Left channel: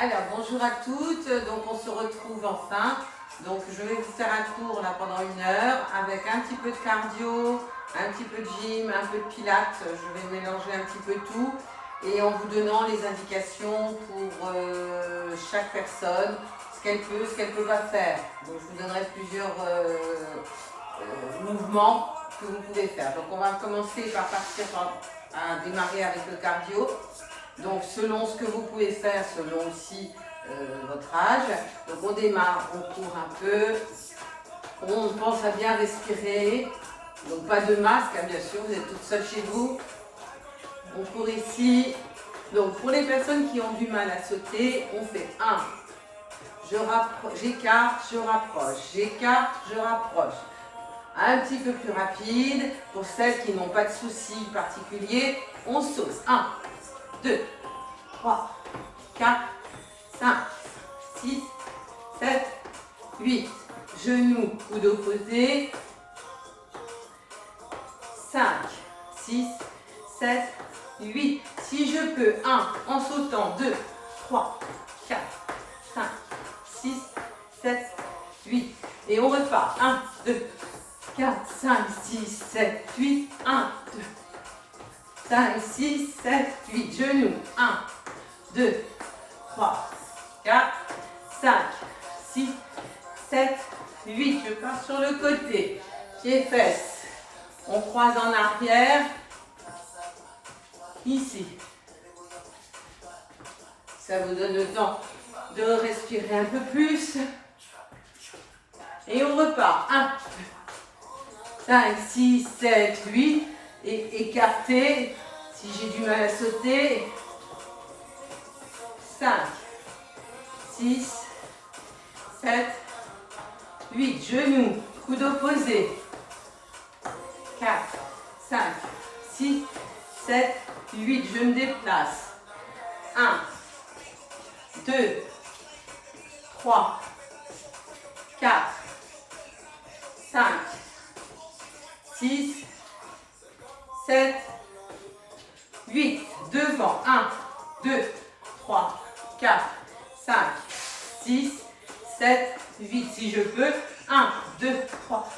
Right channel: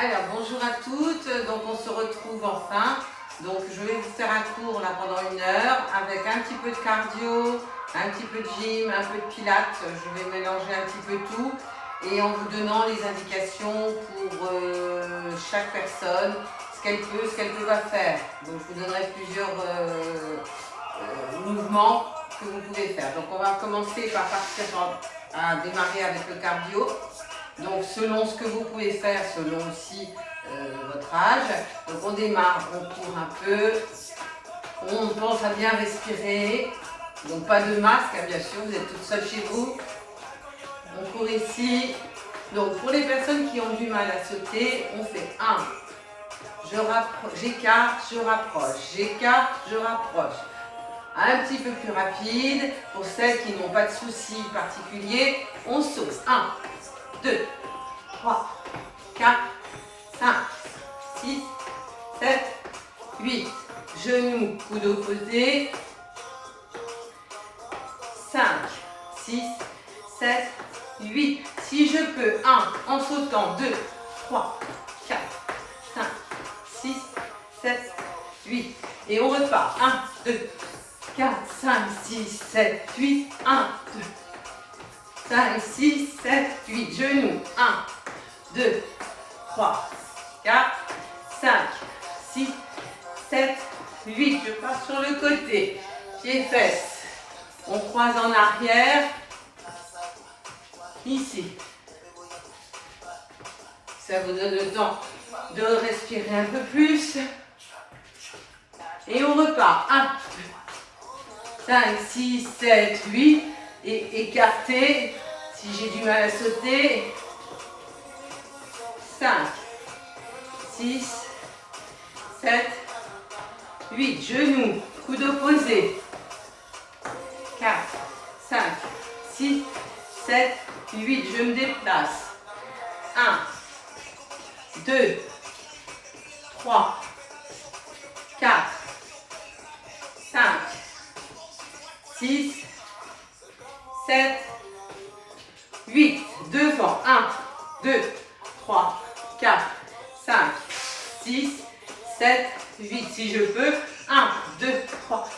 Alors, bonjour à toutes. Donc, on se retrouve enfin. Donc, je vais vous faire un cours là pendant 1 heure avec un petit peu de cardio, un petit peu de gym, un peu de pilates. Je vais mélanger un petit peu tout et en vous donnant les indications pour chaque personne, ce qu'elle peut pas faire. Donc, je vous donnerai plusieurs mouvements que vous pouvez faire. Donc, on va commencer par partir à démarrer avec le cardio. Donc selon ce que vous pouvez faire, selon aussi votre âge. Donc on démarre, on court un peu, on pense à bien respirer. Donc pas de masque, hein, bien sûr, vous êtes toute seule chez vous. On court ici. Donc pour les personnes qui ont du mal à sauter, on fait 1. J'écarte, je rapproche, j'écarte, je rapproche. Un petit peu plus rapide. Pour celles qui n'ont pas de soucis particuliers, on saute. 1, 2, 3, 4, 5, 6, 7, 8. Genoux, coude opposé. 5, 6, 7, 8. Si je peux, 1, en sautant, 2, 3, 4, 5, 6, 7, 8. Et on repart. 1, 2, 4, 5, 6, 7, 8. 1, 2, 5, 6, 7, 8. Genoux. 1, 2, 3, 4, 5, 6, 7, 8. Je pars sur le côté. Pieds, fesses. On croise en arrière. Ici. Ça vous donne le temps de respirer un peu plus. Et on repart. 1, 2, 5, 6, 7, 8. Et écarter. Si j'ai du mal à sauter. 5, 6, 7, 8. Genoux, coude opposé. 4, 5, 6, 7, 8. Je me déplace. 1, 2, 3, 4, 5, 6, 7, 8. Devant. 1, 2, 3, 4, 5, 6, 7, 8. Si je peux. 1, 2, 3,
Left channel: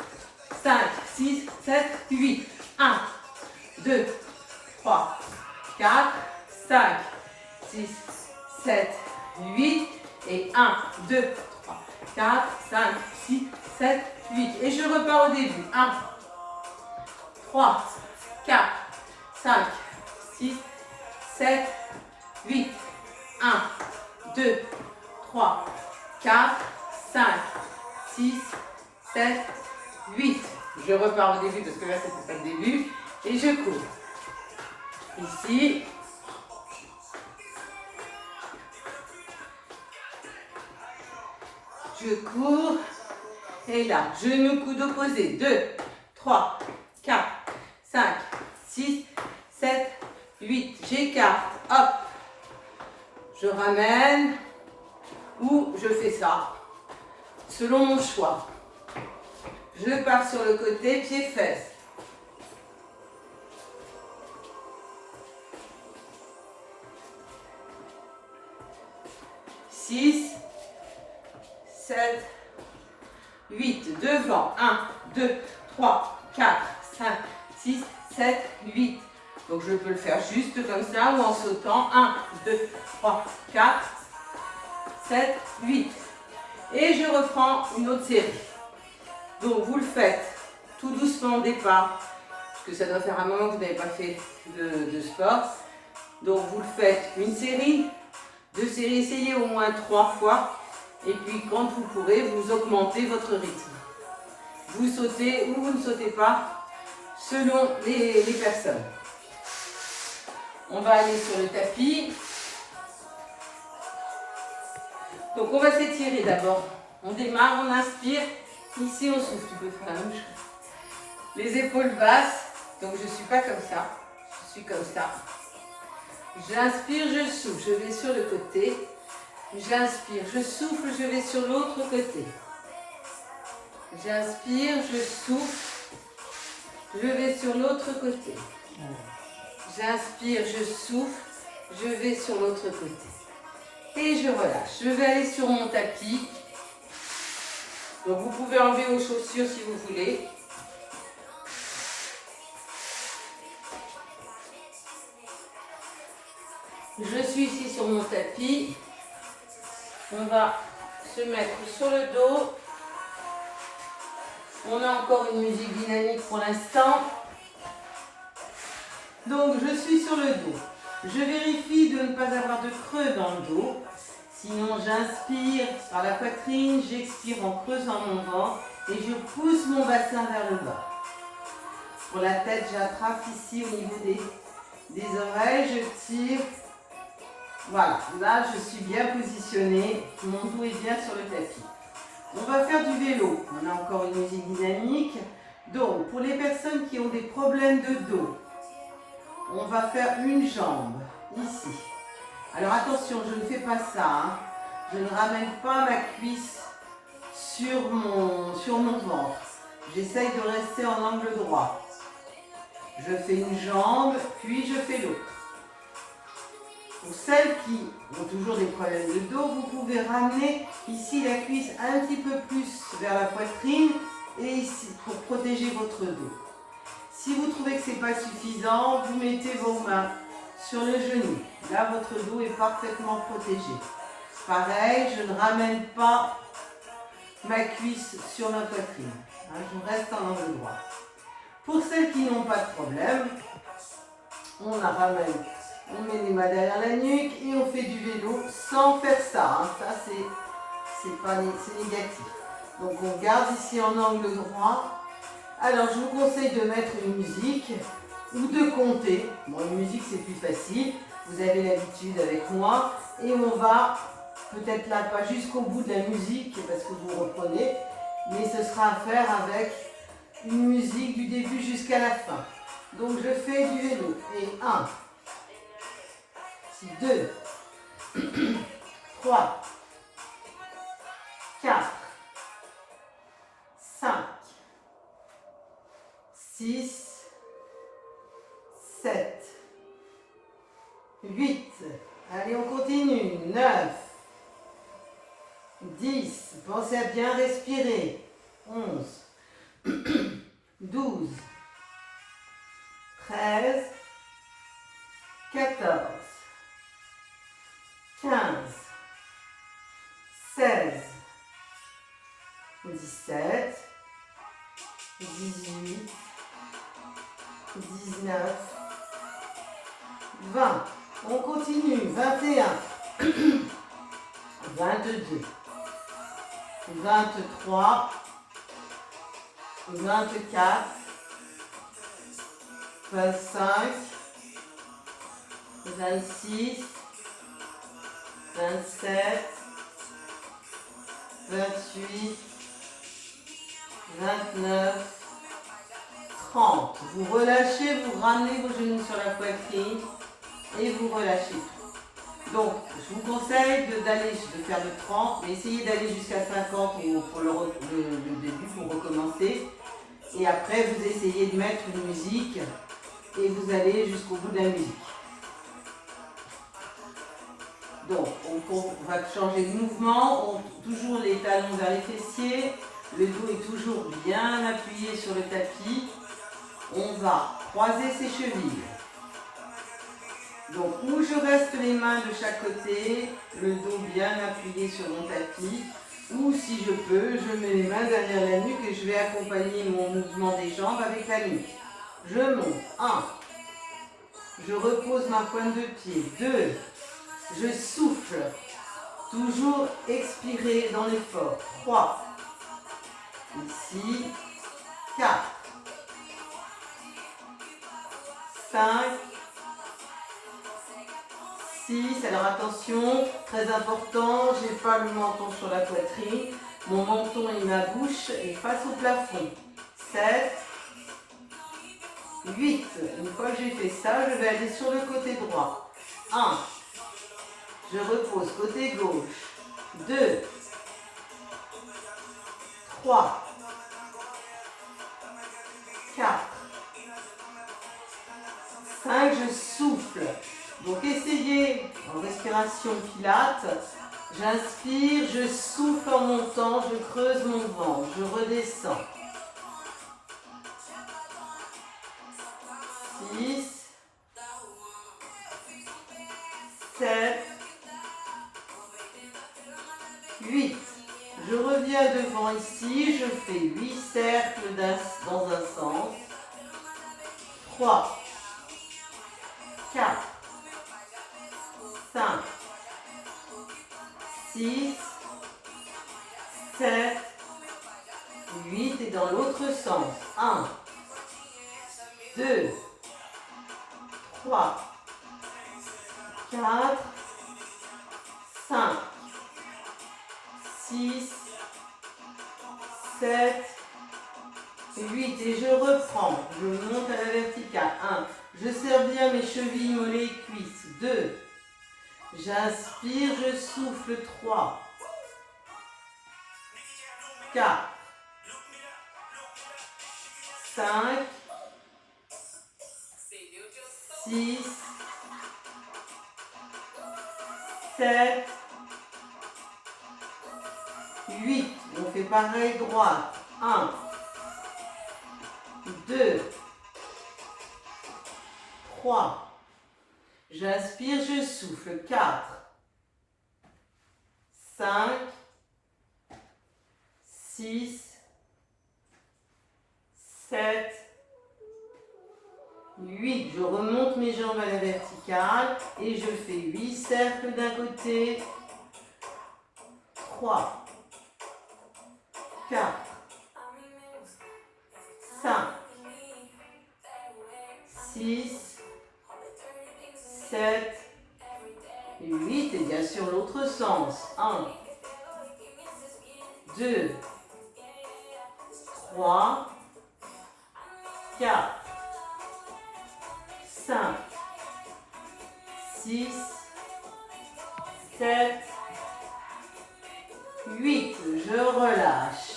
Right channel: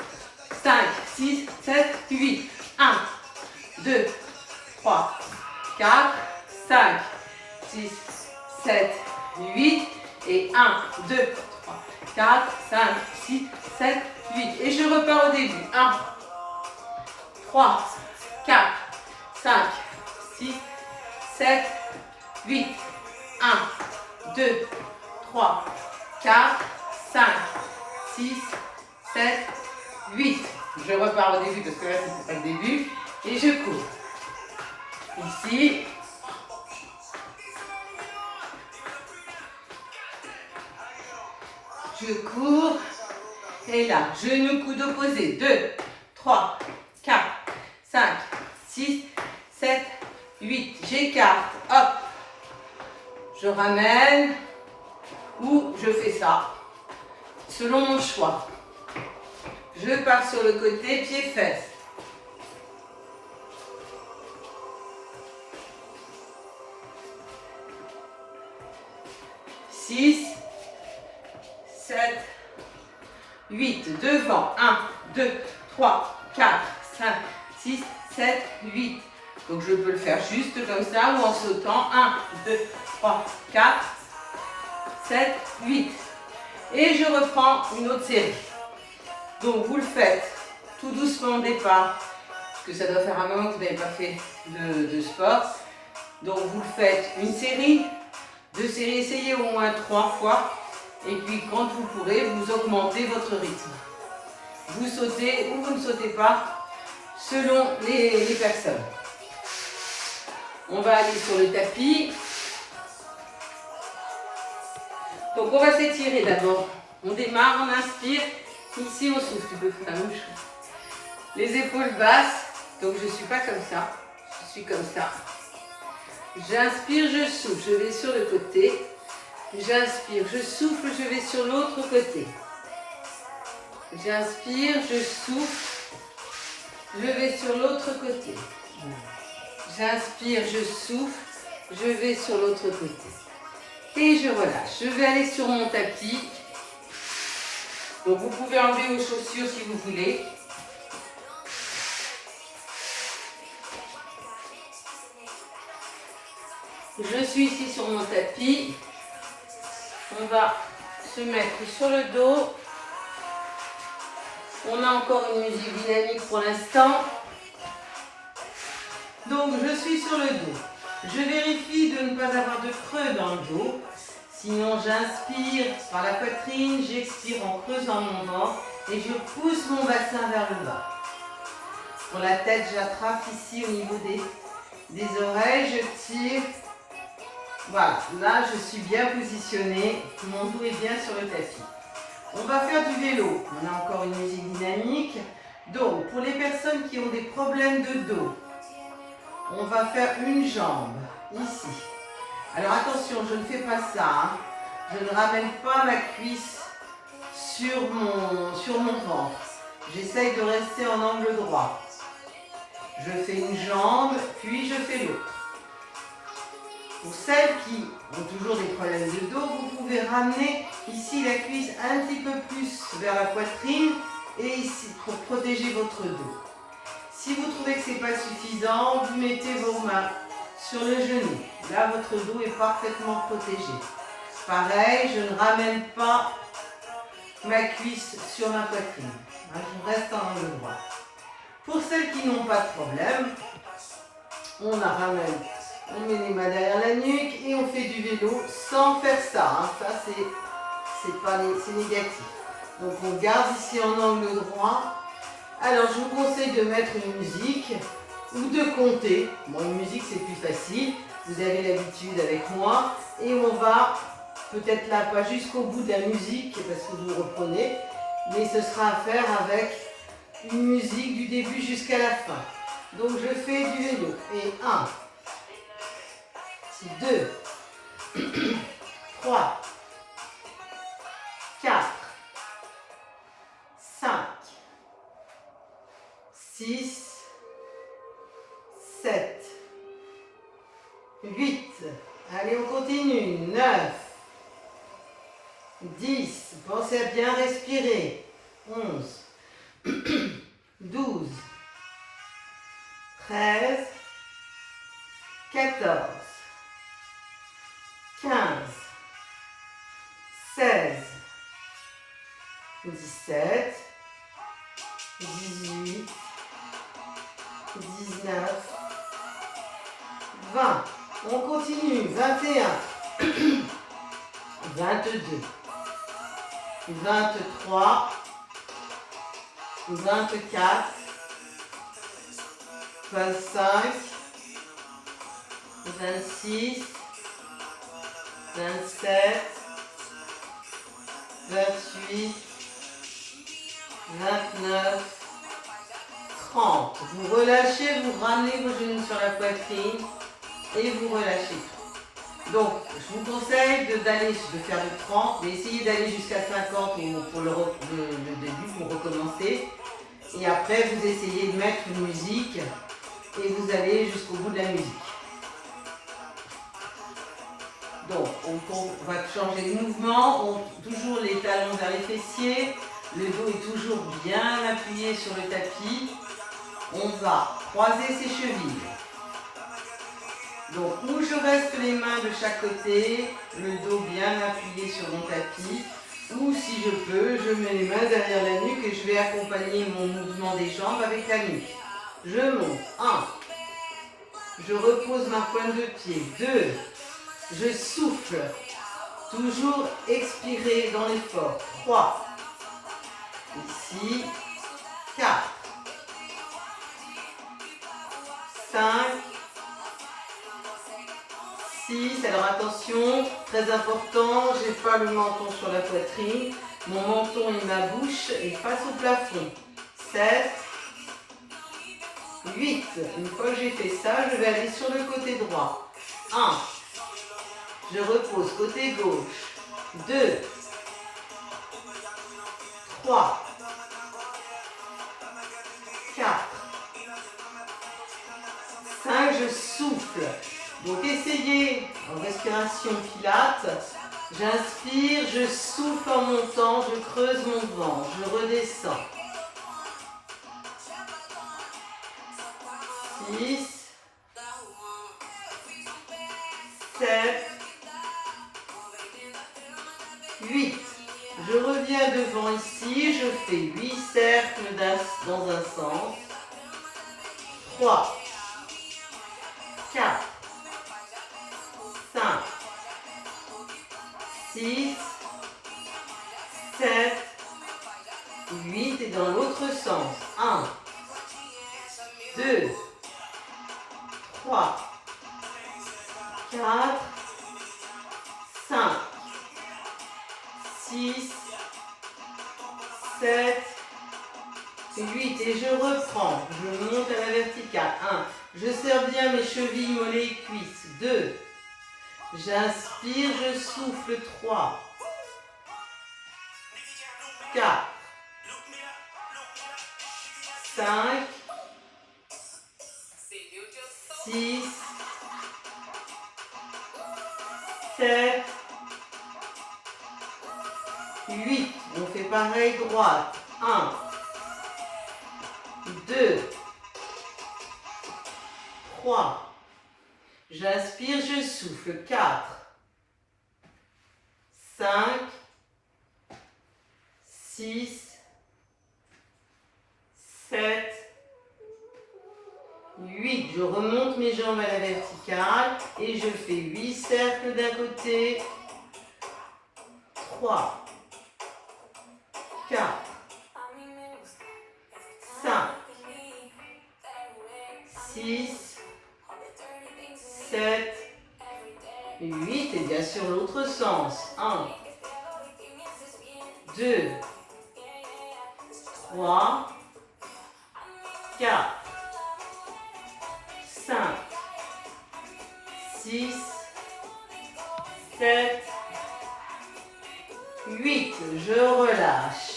5, 6, 7, 8. 1, 2, 3, 4, 5, 6, 7, 8. Et 1, 2, 3, 4, 5, 6, 7, 8. Et je repars au début. 1, 3, 4, 5, 6, 7, 8. 1, 2, 3, 4, 5, 6, 7, 8. Je repars au début parce que là, ce n'est pas le début. Et je cours. Ici. Je cours. Et là, genoux, coude opposé. 2, 3, 4, 5, 6, 7, 8. J'écarte. Hop. Je ramène ou je fais ça, selon mon choix. Je pars sur le côté, pieds-fesses. « 6, 7, 8. Devant. 1, 2, 3, 4, 5, 6, 7, 8. Donc je peux le faire juste comme ça ou en sautant. 1, 2, 3, 4, 7, 8. Et je reprends une autre série. Donc vous le faites tout doucement au départ, parce que ça doit faire un moment que vous n'avez pas fait de sport. Donc vous le faites une série, 2 séries, essayez au moins 3 fois. Et puis quand vous pourrez, vous augmentez votre rythme. Vous sautez ou vous ne sautez pas, selon les personnes. On va aller sur le tapis. Donc on va s'étirer d'abord. On démarre, on inspire. Ici on souffle. Tu peux faire la même chose. Les épaules basses. Donc je ne suis pas comme ça. Je suis comme ça. J'inspire, je souffle. Je vais sur le côté. J'inspire, je souffle. Je vais sur l'autre côté. J'inspire, je souffle. Je vais sur l'autre côté. J'inspire, je souffle. Je vais sur l'autre côté. Et je relâche. Je vais aller sur mon tapis. Donc vous pouvez enlever vos chaussures si vous voulez. Je suis ici sur mon tapis. On va se mettre sur le dos. On a encore une musique dynamique pour l'instant. Donc je suis sur le dos. Je vérifie de ne pas avoir de creux dans le dos. Sinon j'inspire par la poitrine, j'expire en creusant mon ventre et je pousse mon bassin vers le bas. Pour la tête, j'attrape ici au niveau des oreilles, je tire. Voilà, là je suis bien positionnée, mon dos est bien sur le tapis. On va faire du vélo, on a encore une musique dynamique. Donc pour les personnes qui ont des problèmes de dos, on va faire une jambe ici. Alors attention, je ne fais pas ça, hein. Je ne ramène pas ma cuisse sur mon ventre. J'essaye de rester en angle droit. Je fais une jambe, puis je fais l'autre. Pour celles qui ont toujours des problèmes de dos, vous pouvez ramener ici la cuisse un petit peu plus vers la poitrine et ici pour protéger votre dos. Si vous trouvez que ce n'est pas suffisant, vous mettez vos mains sur le genou. Là, votre dos est parfaitement protégé. Pareil, je ne ramène pas ma cuisse sur ma poitrine. Je reste en angle droit. Pour celles qui n'ont pas de problème, on la ramène. On met les mains derrière la nuque et on fait du vélo sans faire ça. Ça, c'est négatif. Donc, on garde ici en angle droit. Alors, je vous conseille de mettre une musique ou de compter. Bon, une musique, c'est plus facile. Vous avez l'habitude avec moi. Et on va, peut-être là, pas jusqu'au bout de la musique, parce que vous reprenez, mais ce sera à faire avec une musique du début jusqu'à la fin. Donc, je fais du vélo. Et 1, 2, 3, 4, 5, 6, 7, 8, allez on continue, 9, 10, pensez à bien respirer, 11, 12, 13, 14, 15, 16, 17, 18, 19, 20. On continue. 21, 22, 23, 24, 25, 26, 27, 28, 29, 30. Vous relâchez, vous ramenez vos genoux sur la poitrine et vous relâchez tout. Donc, je vous conseille de faire du 30, mais essayez d'aller jusqu'à 50 pour le début, pour recommencer. Et après, vous essayez de mettre une musique et vous allez jusqu'au bout de la musique. Donc, on va changer de mouvement, toujours les talons vers les fessiers, le dos est toujours bien appuyé sur le tapis. On va croiser ses chevilles. Donc, où je reste les mains de chaque côté, le dos bien appuyé sur mon tapis, ou si je peux, je mets les mains derrière la nuque et je vais accompagner mon mouvement des jambes avec la nuque. Je monte, 1, je repose ma pointe de pied, 2, je souffle, toujours expirer dans l'effort, 3, ici, 4, 5, 6, alors attention, très important, je n'ai pas le menton sur la poitrine, mon menton et ma bouche est face au plafond, 7, 8, une fois que j'ai fait ça, je vais aller sur le côté droit, 1, je repose côté gauche, 2, 3, 4, 5, je souffle. Donc essayez, en respirant respiration Pilates. J'inspire, je souffle en montant, je creuse mon ventre, je redescends. 6, 7, 8. Je reviens devant ici, je fais 8 cercles dans un sens. 3, 4, 5, 6, 7, 8 et dans l'autre sens. 1, 2, 3, 4, 5, 6, 7, 8 et je reprends. Je monte à la verticale. 1. Je serre bien mes chevilles, mollets et cuisses. 2. J'inspire, je souffle. 3, 4, 5, 6, 7, 8. On fait pareil, droite. 1, 2, 3. J'inspire, je souffle. 4, 5, 6, 7, 8. Je remonte mes jambes à la verticale et je fais 8 cercles d'un côté. 3, 4, 5, 6, 7, 8 et bien sûr l'autre sens. 1, 2, 3, 4, 5, 6, 7, 8. Je relâche.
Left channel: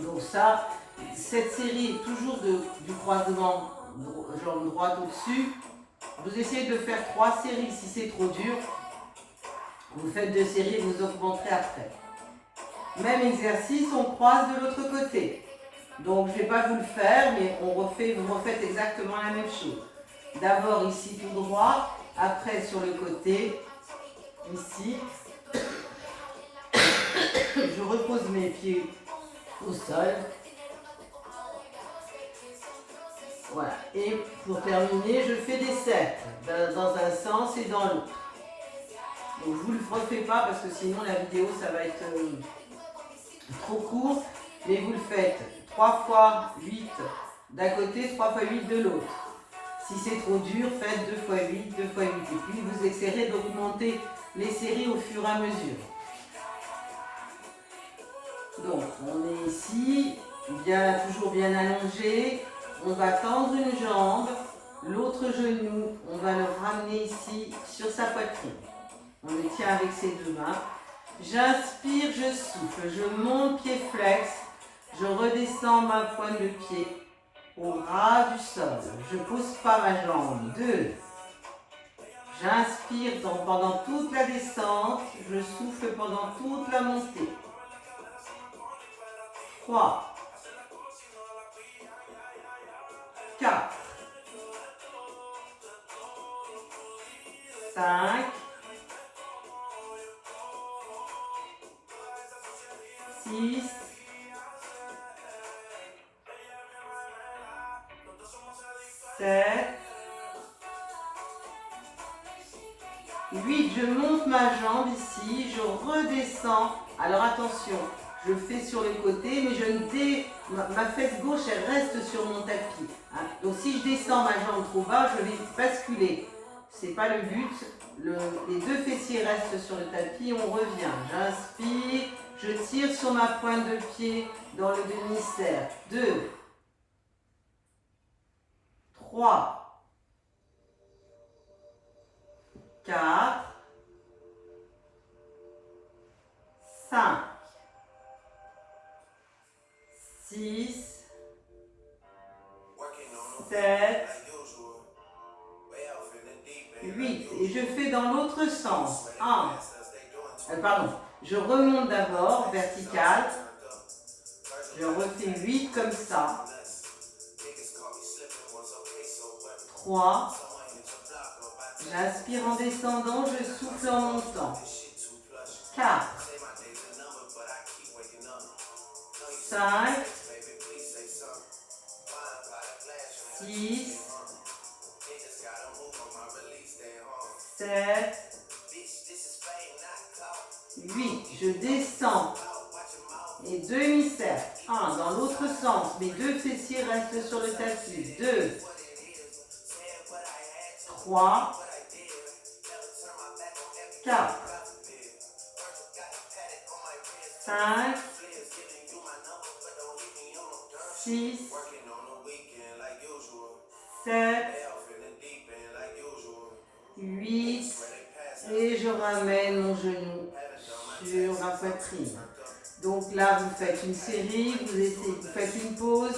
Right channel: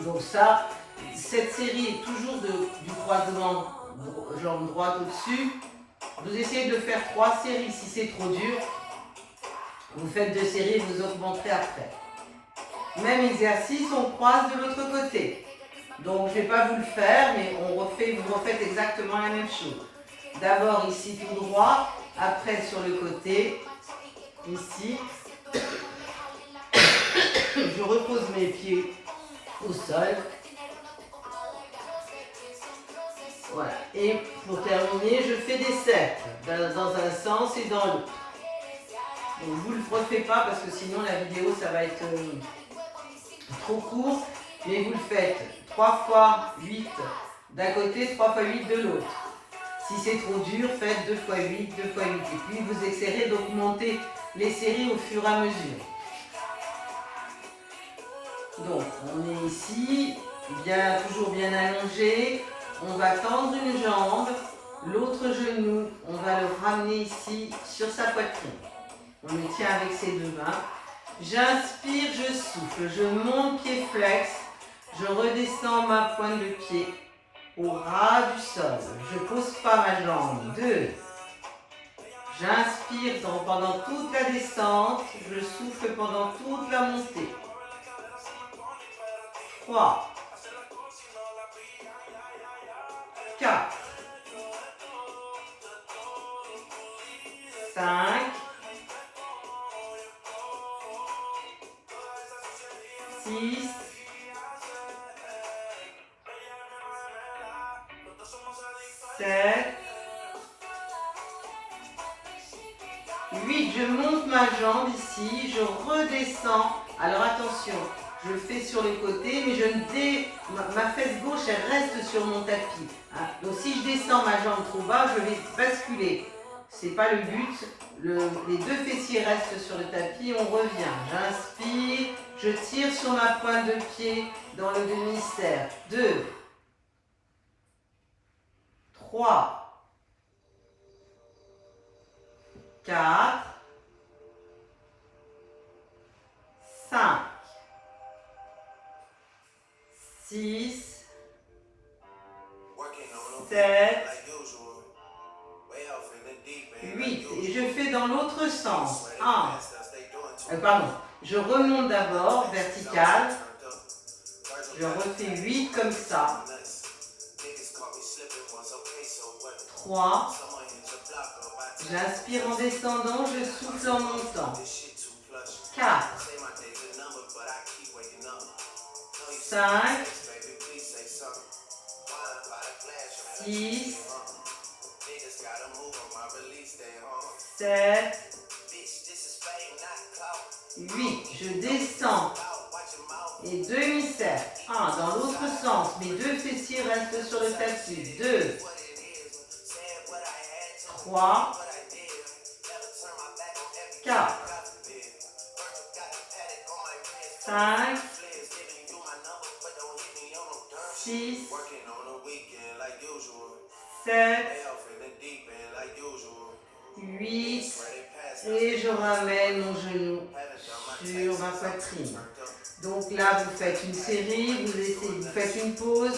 Donc ça, cette série est toujours du croisement jambe droite au-dessus. Vous essayez de faire 3 séries. Si c'est trop dur, vous faites 2 séries et vous augmenterez après. Même exercice, on croise de l'autre côté. Donc je ne vais pas vous le faire, mais vous refaites exactement la même chose. D'abord ici tout droit, après sur le côté, ici. Je repose mes pieds au sol. Voilà. Et pour terminer, je fais des cercles dans un sens et dans l'autre. Donc je ne vous le refais pas parce que sinon la vidéo ça va être trop court. Mais vous le faites 3 fois 8 d'un côté, 3 fois 8 de l'autre. Si c'est trop dur, faites 2 fois 8, 2 fois 8. Et puis vous essayerez d'augmenter les séries au fur et à mesure. Donc on est ici, toujours bien allongé. On va tendre une jambe, l'autre genou, on va le ramener ici sur sa poitrine. On le tient avec ses 2 mains. J'inspire, je souffle, je monte pied flex, je redescends ma pointe de pied au ras du sol. Je ne pose pas ma jambe. 2. J'inspire pendant toute la descente, je souffle pendant toute la montée. 3, 4, 5, 6, 7, 8. Je monte ma jambe ici, je redescends. Alors attention, je le fais sur le côté, mais ma fesse gauche, elle reste sur mon tapis. Hein. Donc si je descends ma jambe trop bas, je vais basculer. Ce n'est pas le but. Les 2 fessiers restent sur le tapis, on revient. J'inspire, je tire sur ma pointe de pied dans le demi-cercle. 2, 3, 4, 5, 6, 7, 8. Et je fais dans l'autre l'autre sens. 1. Pardon. Je remonte d'abord, vertical. Je refais 8 comme ça. 3. J'inspire en descendant, je souffle en montant. 4. 5. 6. 7. 8. Je descends. Et demi-cercle. 1 dans l'autre sens. Mes deux fessiers restent sur le tapis. 2. 3. 4. 5. 6. 7. 8. Et je ramène mon genou sur ma poitrine. Donc là, vous faites une série, vous faites une pause.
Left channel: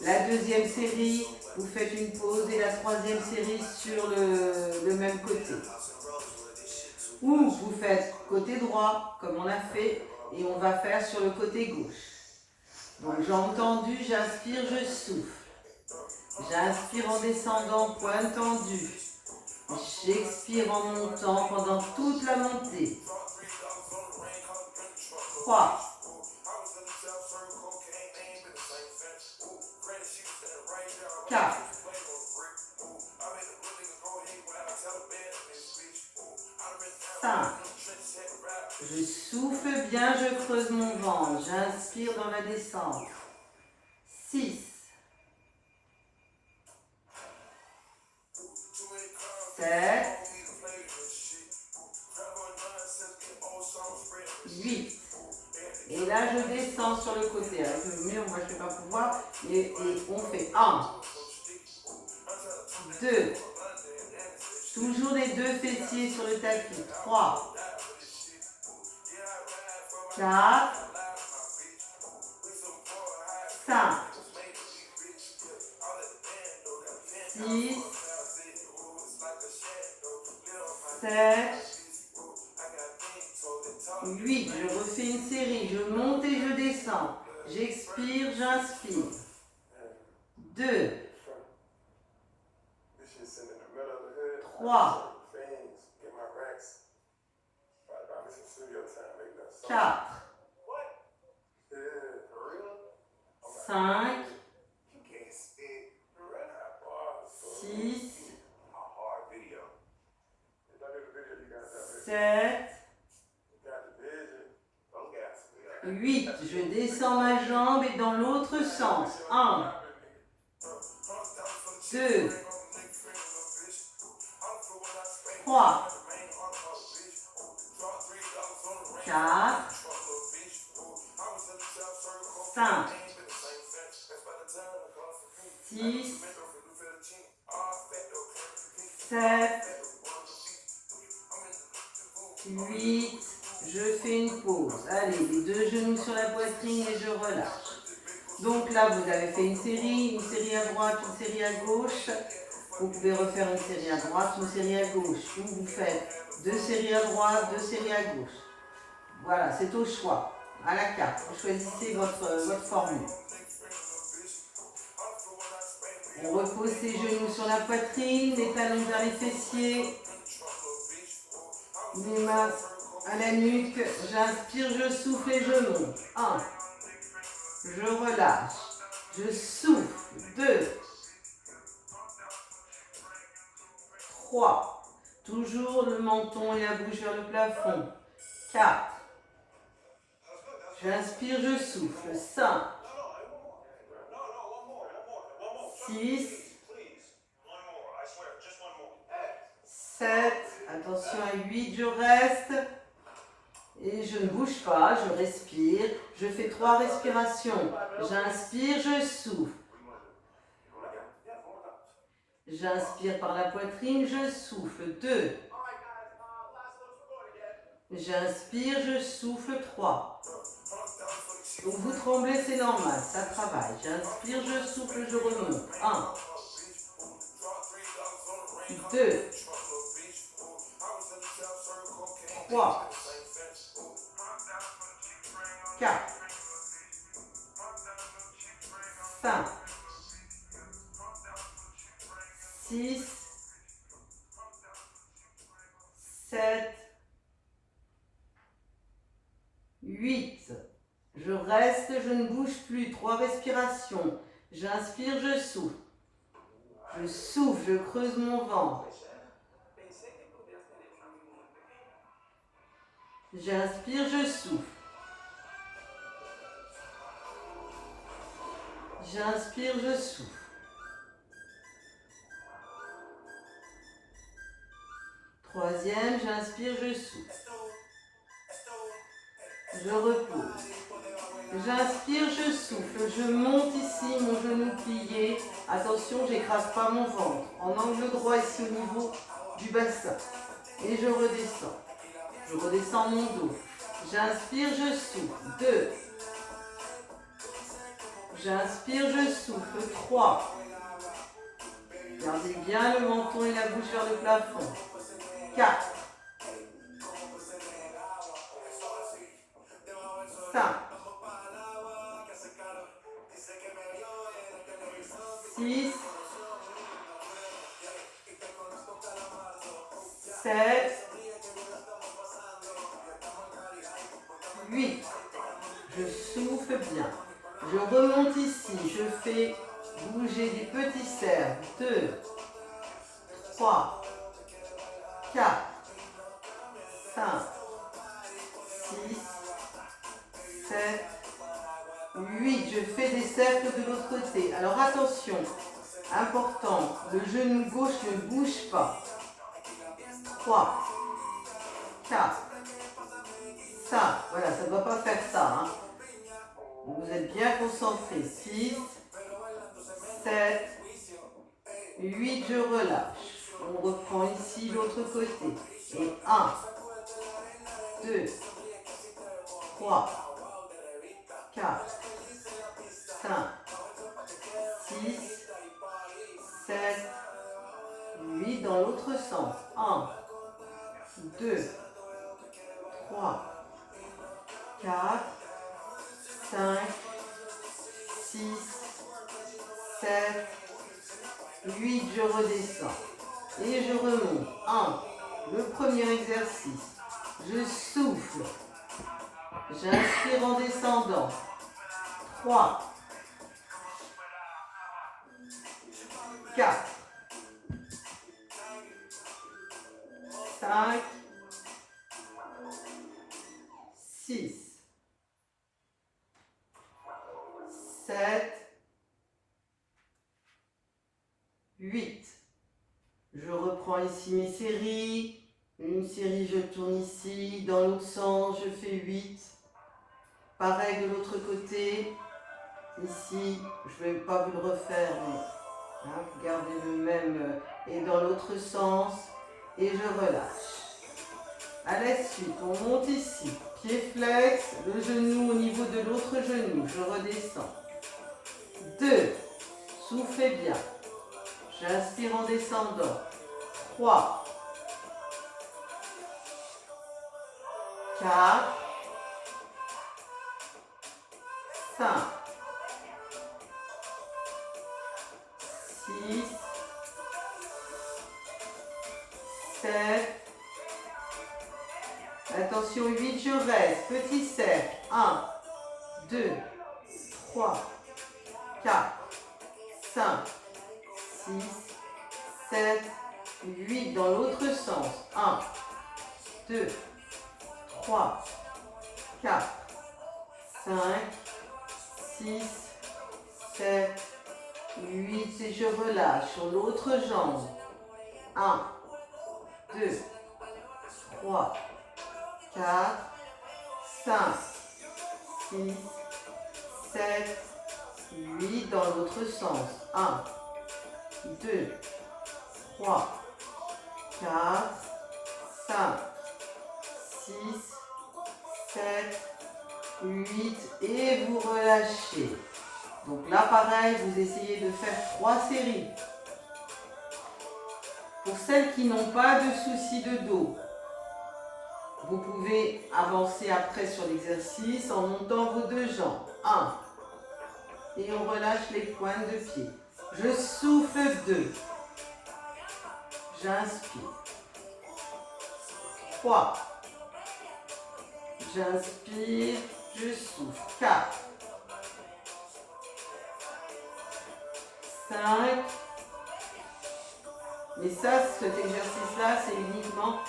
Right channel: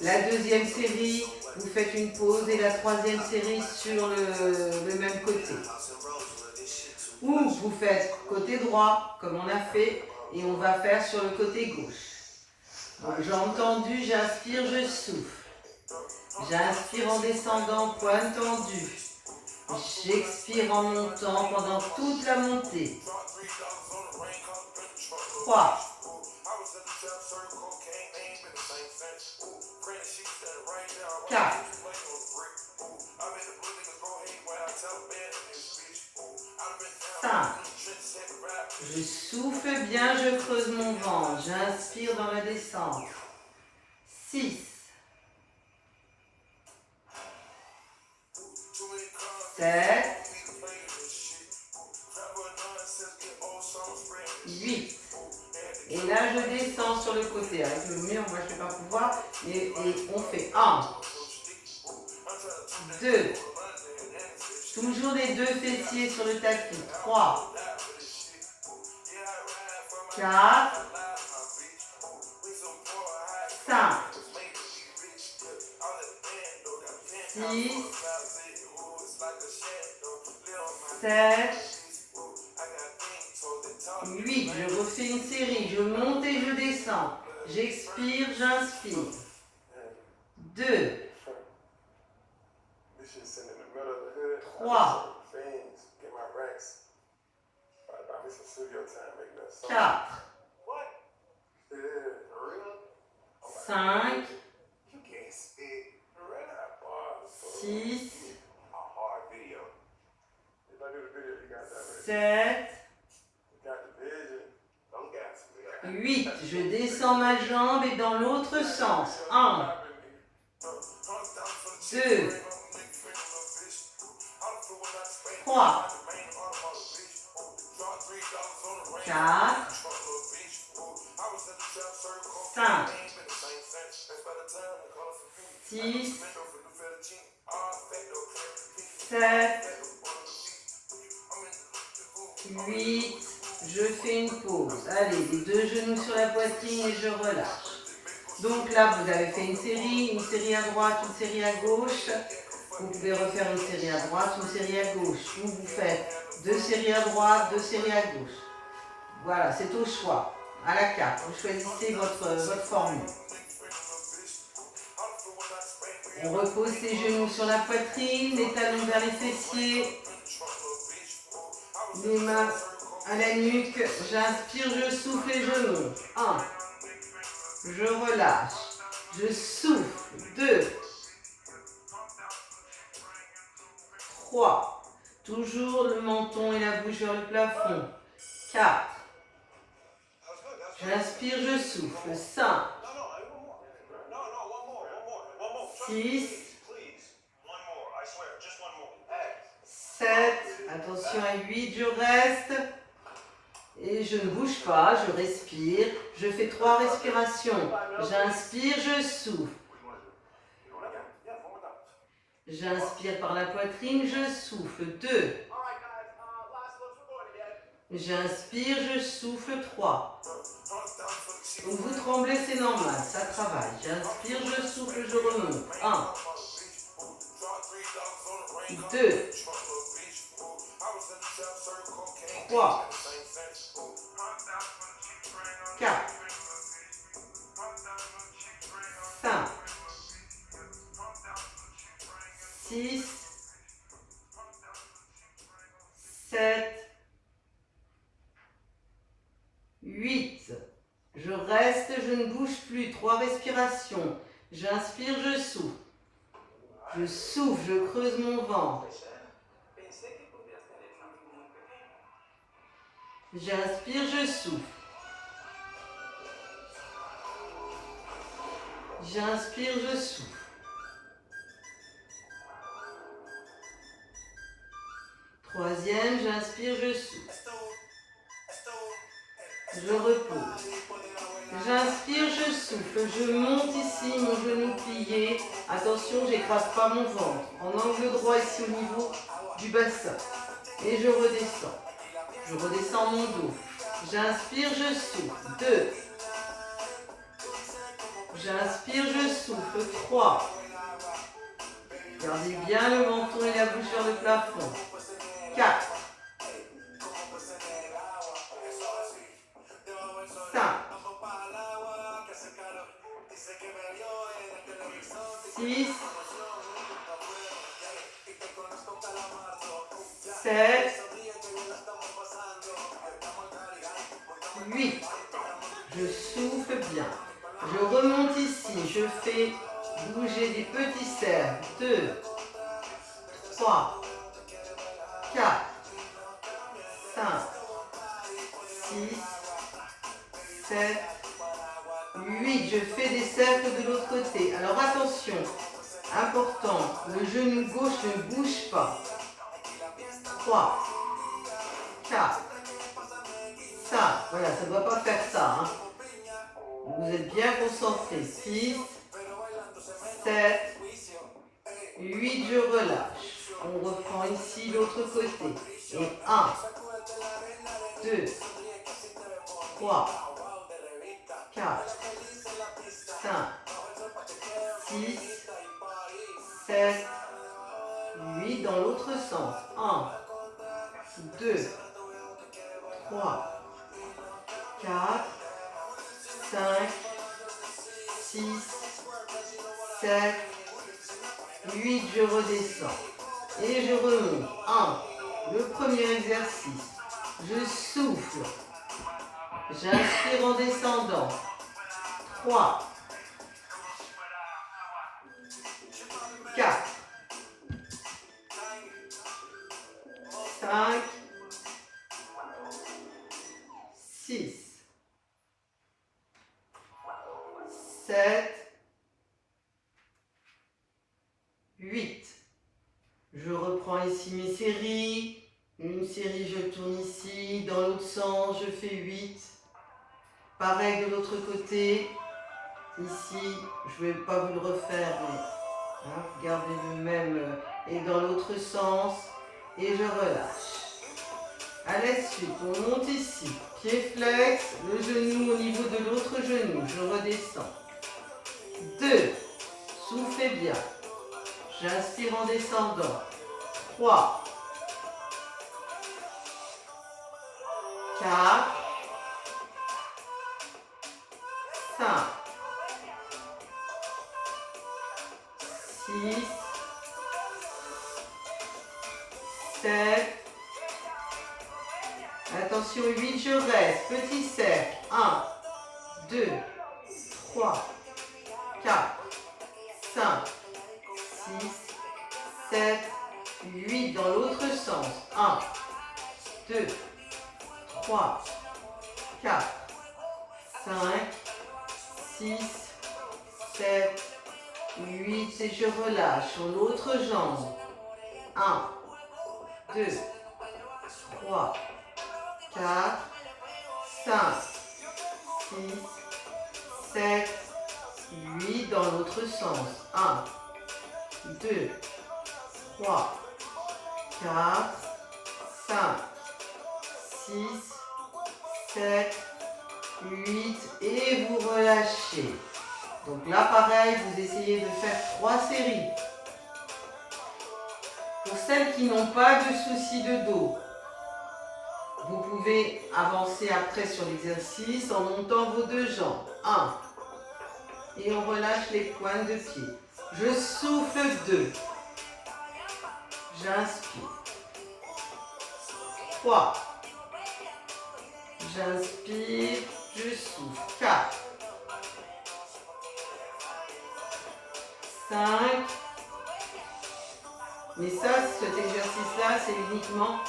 La deuxième série, vous faites une pause. Et la troisième série sur le même côté. Ou vous faites côté droit, comme on a fait, et on va faire sur le côté gauche. Donc jambes tendues, j'inspire, je souffle. J'inspire en descendant, poing tendu. J'expire en montant pendant toute la montée. 3. 4. 5. Je souffle bien, je creuse mon ventre. J'inspire dans la descente. 6. 7. 8. Et là, je descends sur le côté. Avec le mur, moi, je ne vais pas pouvoir. Et on fait 1. 2. Toujours les deux fessiers sur le tapis. 3. 4. 5. 6. 7. 8. Je refais une série. Je monte et je descends. J'expire, j'inspire. 2. 3. 4. 5. 6. 7. 8. Je descends ma jambe et dans l'autre sens. 1. 2. 3. 4. 5. 6. 7. 8. Je fais une pause. Allez, les deux genoux sur la poitrine et je relâche. Donc là, vous avez fait une série à droite, une série à gauche. Vous pouvez refaire une série à droite, une série à gauche. Ou vous faites 2 séries à droite, 2 séries à gauche. Voilà, c'est au choix, à la carte. Vous choisissez votre formule. On repose ses genoux sur la poitrine, les talons vers les fessiers. Les mains à la nuque. J'inspire, je souffle et je monte. 1. Je relâche. Je souffle. 2. 3. Toujours le menton et la bouche vers le plafond. 4. J'inspire, je souffle. 5. 6. 7. Attention à 8. Je reste. Et je ne bouge pas. Je respire. Je fais 3 respirations. J'inspire, je souffle. J'inspire par la poitrine, je souffle. 2. J'inspire, je souffle. 3. Donc vous tremblez, c'est normal, ça travaille. J'inspire, je souffle, je remonte. 1. 2. 3, 4, 5, 6, 7, 8. Je reste, je ne bouge plus. 3 respirations. J'inspire, je souffle. Je souffle, je creuse mon ventre. J'inspire, je souffle. J'inspire, je souffle. Troisième, j'inspire, je souffle. Je repose. J'inspire, je souffle. Je monte ici, mon genou plié. Attention, j'écrase pas mon ventre. En angle droit ici au niveau du bassin. Et je redescends. Je redescends mon dos. J'inspire, je souffle. 2. J'inspire, je souffle. 3. Gardez bien le menton et la bouche vers le plafond. 4. 5. 6. 7. 8. Je souffle bien. Je remonte ici. Je fais bouger des petits cercles. 2, 3, 4, 5, 6, 7, 8. Je fais des cercles de l'autre côté. Alors attention, important, le genou gauche ne bouge pas. 3, 4, 5. Voilà, ça ne doit pas faire ça. Hein. Vous êtes bien concentrés. 6, 7, 8, je relâche. On reprend ici l'autre côté. Et 1, 2, 3, 4, 5, 6, 7, 8 dans l'autre sens. 1, 2, 3, 4, 5, 6, 7, 8, je redescends. Et je remonte. 1, le premier exercice. Je souffle. J'inspire en descendant. 3, 4, 5, 6, 7, 8. Je reprends ici mes séries. Une série, je tourne ici. Dans l'autre sens, je fais 8. Pareil de l'autre côté. Ici, je ne vais pas vous le refaire, mais hein, gardez le même. Et dans l'autre sens. Et je relâche. À la suite, on monte ici. Pied flex, le genou au niveau de l'autre genou. Je redescends. 2. Soufflez bien. J'inspire en descendant. 3, 4, 5, 6, 7, attention 8, je reste, petit cercle, 1, 2, 3, 4, 5, 6, 7, 8 dans l'autre sens, 1, 2, 3, 4, 5, 6, 7, 8 et je relâche sur l'autre jambe. 1, 2, 3, 4, 5, 6, 7, 8 dans l'autre sens. 1, 2, 3, 4, 5, 6, 7, 8 et vous relâchez. Donc là, pareil, vous essayez de faire 3 séries. Pour celles qui n'ont pas de soucis de dos, vous pouvez avancer après sur l'exercice en montant vos deux jambes. 1. Et on relâche les pointes de pied. Je souffle 2. J'inspire. 3. J'inspire, je souffle. 4. 5. Mais ça, cet exercice-là, c'est uniquement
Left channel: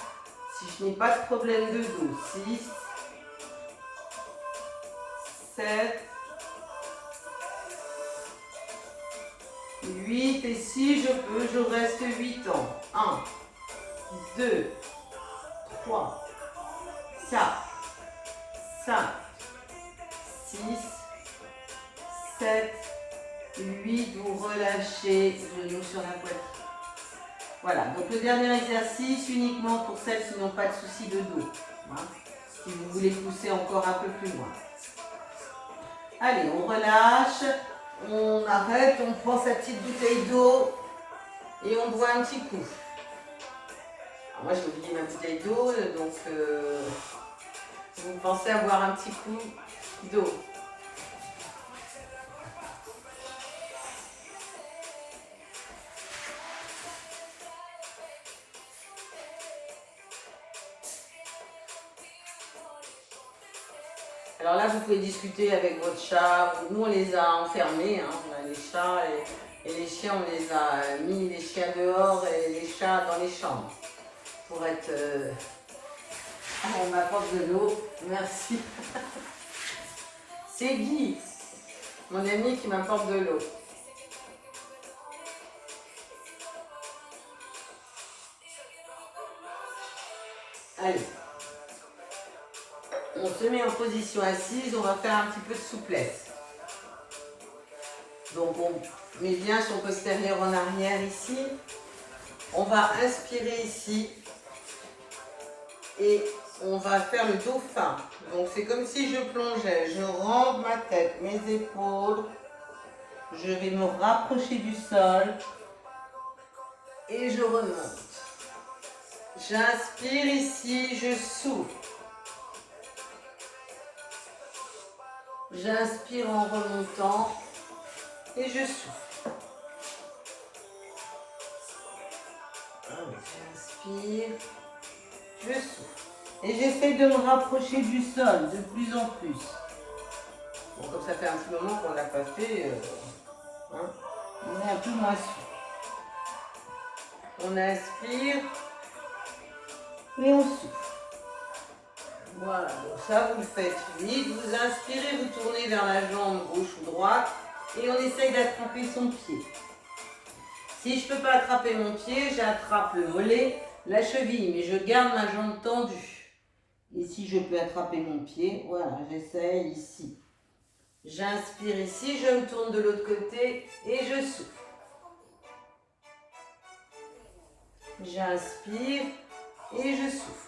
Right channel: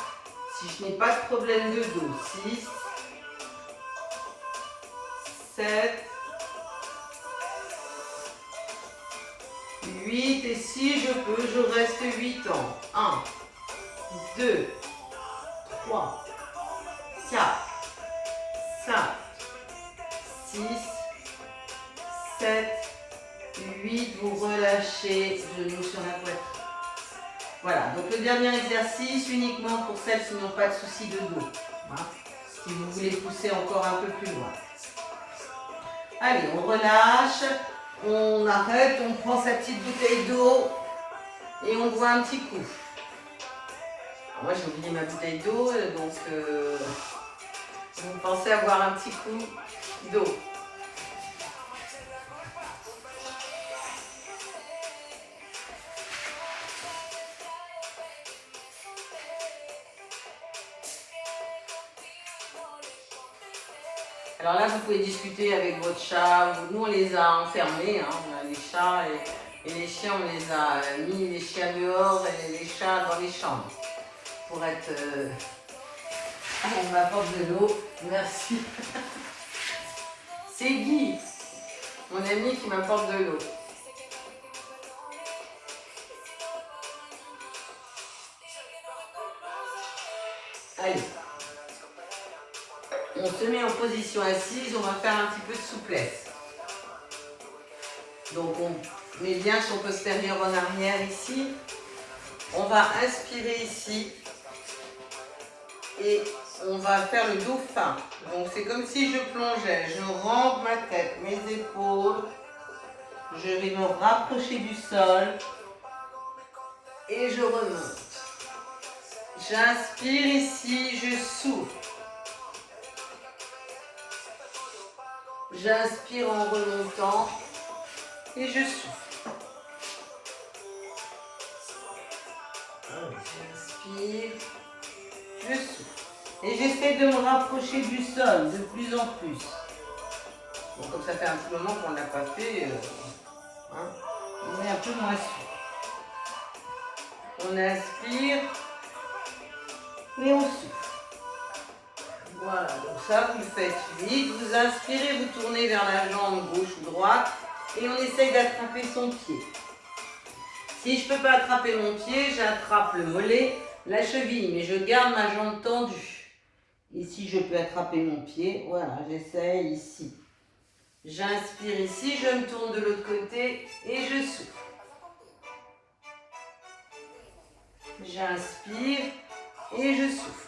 si je n'ai pas de problème de dos. 6. 7. 8. Et si je peux, je reste 8 ans. 1, 2, 3, 4, 5, 6, 7, 8. Vous relâchez, genoux sur la poitrine. Voilà, donc le dernier exercice uniquement pour celles qui n'ont pas de soucis de dos. Hein, si vous voulez pousser encore un peu plus loin. Allez, on relâche, on arrête, on prend sa petite bouteille d'eau et on boit un petit coup. Alors moi j'ai oublié ma bouteille d'eau, donc vous pensez à boire un petit coup d'eau. Alors là, vous pouvez discuter avec votre chat. Nous, on les a enfermés, hein. Les chats et les chiens, on les a mis les chiens dehors et les chats dans les chambres. Pour être... on m'apporte de l'eau. Merci. C'est Guy, mon ami, qui m'apporte de l'eau. Allez. On se met en position assise, on va faire un petit peu de souplesse. Donc on met bien son postérieur en arrière ici. On va inspirer ici. Et on va faire le dauphin. Donc c'est comme si je plongeais. Je rentre ma tête, mes épaules. Je vais me rapprocher du sol. Et je remonte. J'inspire ici, je souffle. J'inspire en remontant et je souffle. J'inspire, je souffle. Et j'essaie de me rapprocher du sol de plus en plus. Bon, comme ça fait un petit moment qu'on ne l'a pas fait, on est un peu moins sûr. On inspire et on souffle. Voilà, donc ça vous le faites vite, vous inspirez, vous tournez vers la jambe gauche ou droite et on essaye d'attraper son pied. Si je ne peux pas attraper mon pied, j'attrape le mollet, la cheville, mais je garde ma jambe tendue. Et si je peux attraper mon pied, voilà, j'essaye ici. J'inspire ici, je me tourne de l'autre côté et je souffle. J'inspire et je souffle.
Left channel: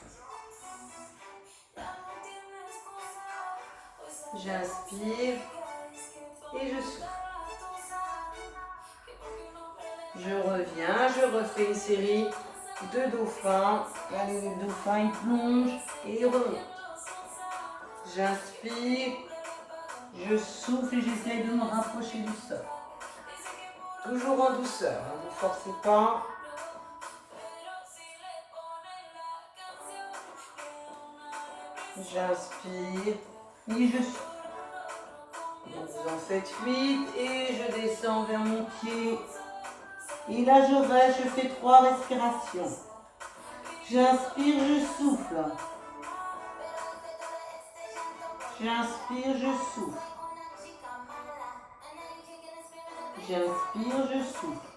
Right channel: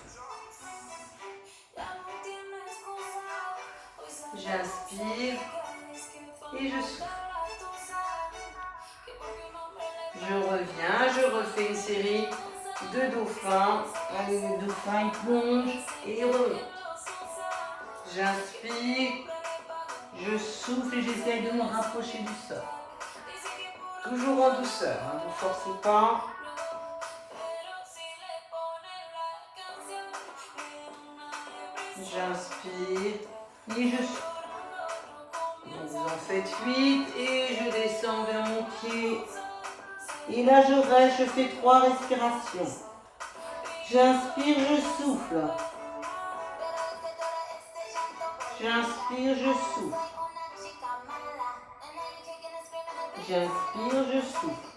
J'inspire et je souffle. Je reviens, je refais une série de dauphins. Allez, le dauphin, il plonge et il remonte. J'inspire, je souffle et j'essaie de me rapprocher du sol. Toujours en douceur, ne vous forcez pas. J'inspire et je souffle. Donc vous en faites 8 et je descends vers mon pied. Et là je reste, je fais 3 respirations. J'inspire, je souffle. J'inspire, je souffle. J'inspire, je souffle.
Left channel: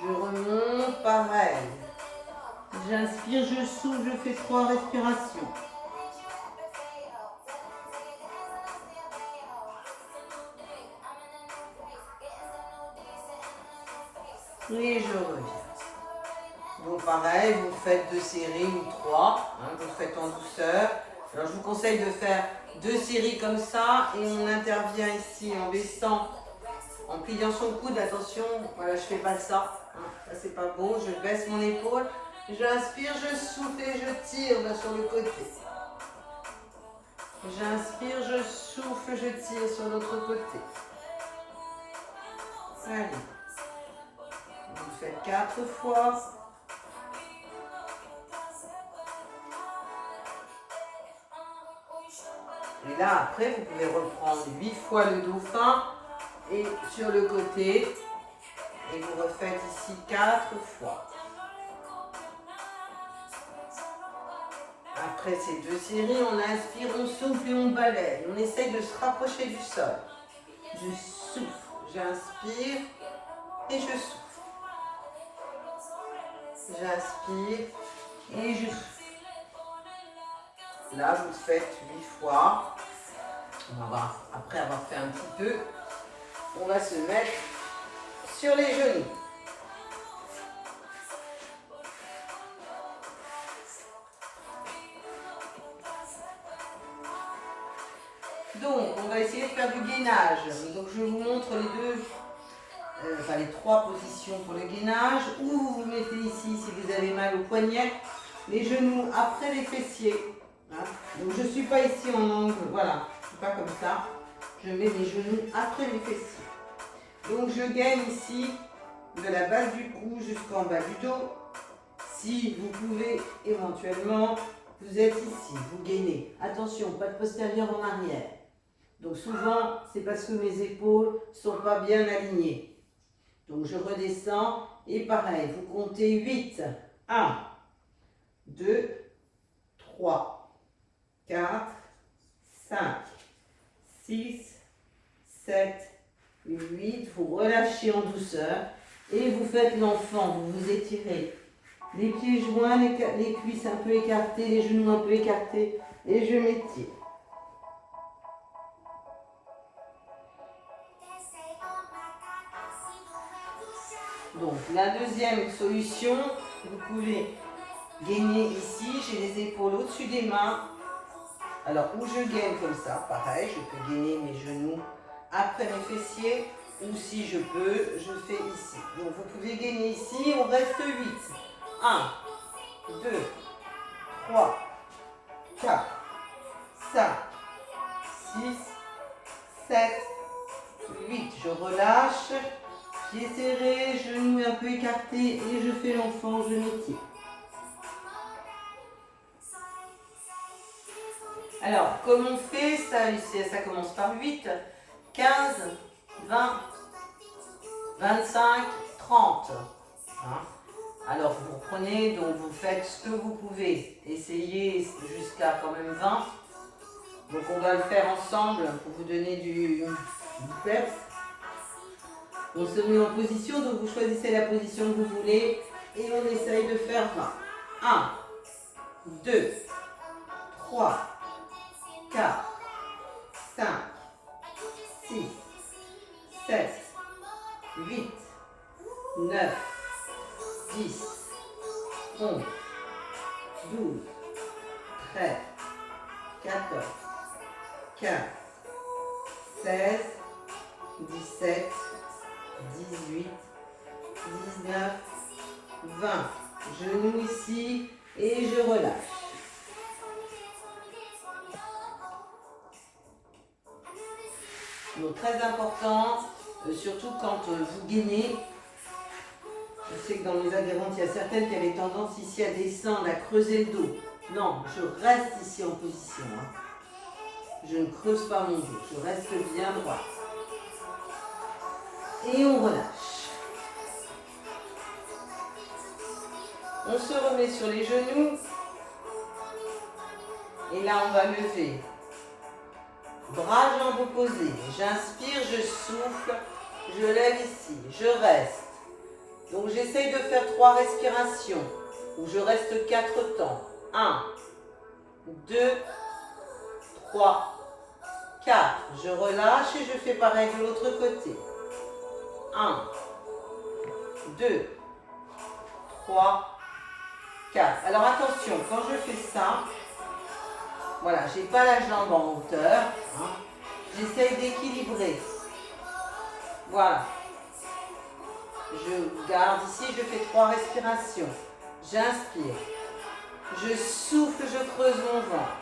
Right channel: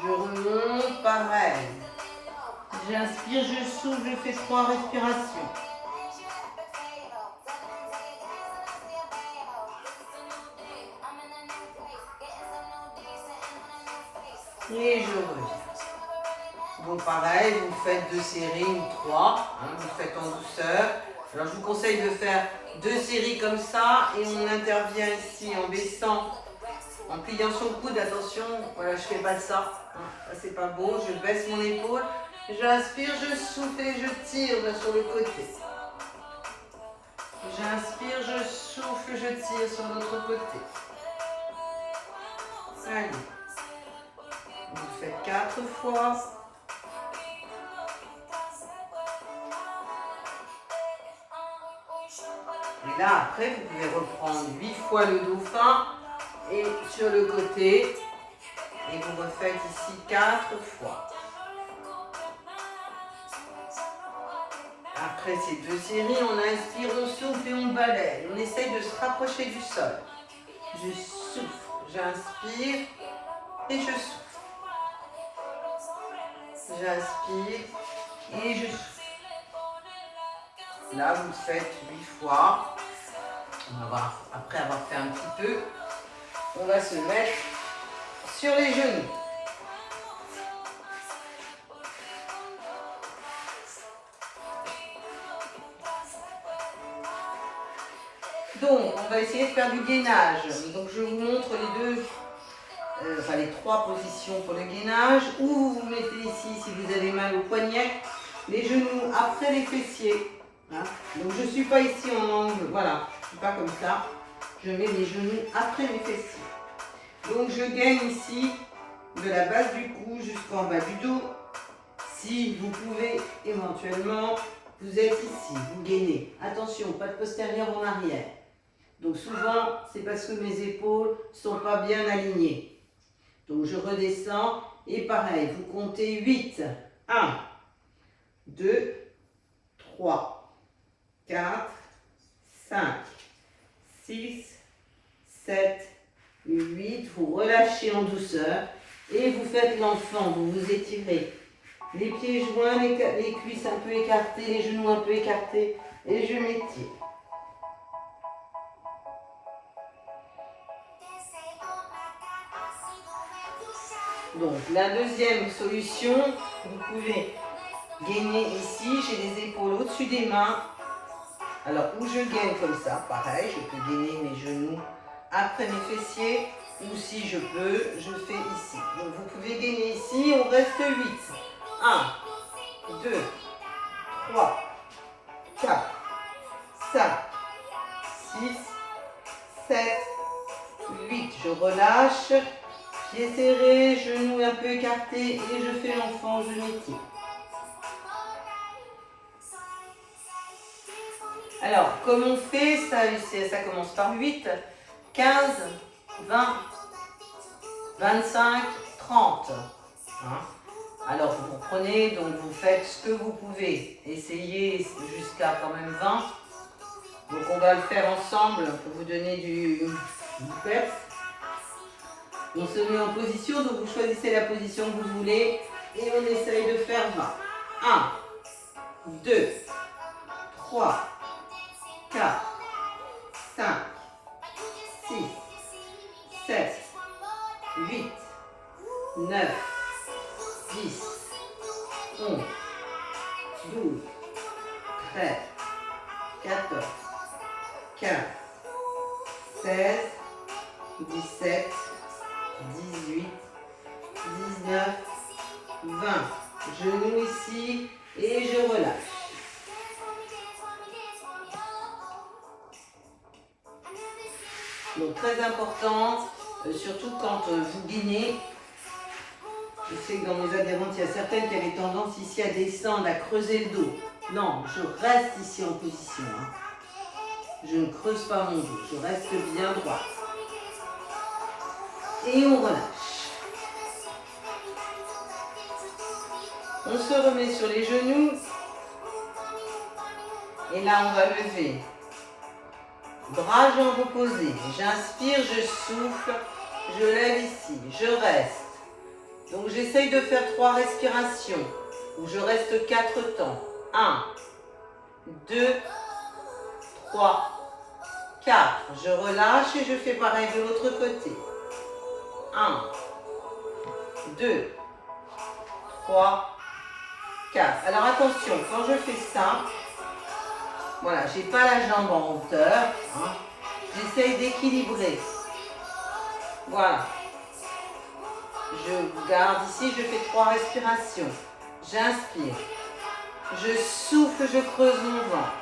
Je remonte, pareil. J'inspire, je souffle, je fais 3 respirations. Et je reviens. Donc pareil, vous faites 2 séries ou 3, vous faites en douceur. Alors je vous conseille de faire 2 séries comme ça et on intervient ici en baissant, en pliant son coude. Attention, voilà, je fais pas ça, ça c'est pas beau, je baisse mon épaule. J'inspire, je souffle et je tire sur le côté. J'inspire, je souffle, je tire sur l'autre côté. Allez. Vous faites 4 fois. Et là, après, vous pouvez reprendre 8 fois le dauphin et sur le côté. Et vous refaites ici 4 fois. Après ces 2 séries, on inspire, on souffle et on balaye. On essaye de se rapprocher du sol. Je souffle, j'inspire et je souffle. J'inspire et je souffle. Là, vous le faites 8 fois. On va voir, après avoir fait un petit peu, on va se mettre sur les genoux. Donc, on va essayer de faire du gainage. Donc, je vous montre les 3 positions pour le gainage. Ou vous vous mettez ici, si vous avez mal au poignet, les genoux après les fessiers. Hein. Donc, je ne suis pas ici en angle, voilà, je ne suis pas comme ça. Je mets les genoux après mes fessiers. Donc, je gaine ici de la base du cou jusqu'en bas du dos. Si vous pouvez éventuellement, vous êtes ici, vous gainez. Attention, pas de postérieur en arrière. Donc souvent, c'est parce que mes épaules ne sont pas bien alignées. Donc je redescends et pareil, vous comptez 8. 1, 2, 3, 4, 5, 6, 7, 8. Vous relâchez en douceur et vous faites l'enfant, vous vous étirez. Les pieds joints, les cuisses un peu écartées, les genoux un peu écartés et je m'étire. Donc, la deuxième solution, vous pouvez gainer ici, j'ai les épaules au-dessus des mains. Alors, où je gaine comme ça, pareil, je peux gainer mes genoux après mes fessiers, ou si je peux, je fais ici. Donc, vous pouvez gainer ici, on reste 8. 1, 2, 3, 4, 5, 6, 7, 8. Je relâche. Pieds serrés, genoux un peu écartés et je fais l'enfant, je m'étire. Alors, comme on fait, ça commence par 8, 15, 20, 25, 30. Hein? Alors, vous reprenez, donc vous faites ce que vous pouvez. Essayez jusqu'à quand même 20. Donc, on va le faire ensemble pour vous donner du peps. On se met en position, donc vous choisissez la position que vous voulez et on essaye de faire 20. 1, 2, 3, 4, 5, 6, 7, 8, 9, 10, 11, 12, 13, 14, 15, 16, 17, 18, 19, 20. Genoux ici et je relâche. Donc très important, surtout quand vous gainez. Je sais que dans mes adhérentes, il y a certaines qui avaient tendance ici à descendre, à creuser le dos. Non, je reste ici en position. Hein. Je ne creuse pas mon dos, je reste bien droit. Et on relâche. On se remet sur les genoux. Et là, on va lever. Bras, jambes opposés. J'inspire, je souffle. Je lève ici. Je reste. Donc, j'essaye de faire 3 respirations. Où je reste 4 temps. 1, 2, 3, 4. Je relâche et je fais pareil de l'autre côté. 1, 2, 3, 4. Alors attention, quand je fais ça, voilà, je n'ai pas la jambe en hauteur. Hein, j'essaye d'équilibrer. Voilà. Je garde ici, je fais 3 respirations. J'inspire. Je souffle, je creuse mon ventre.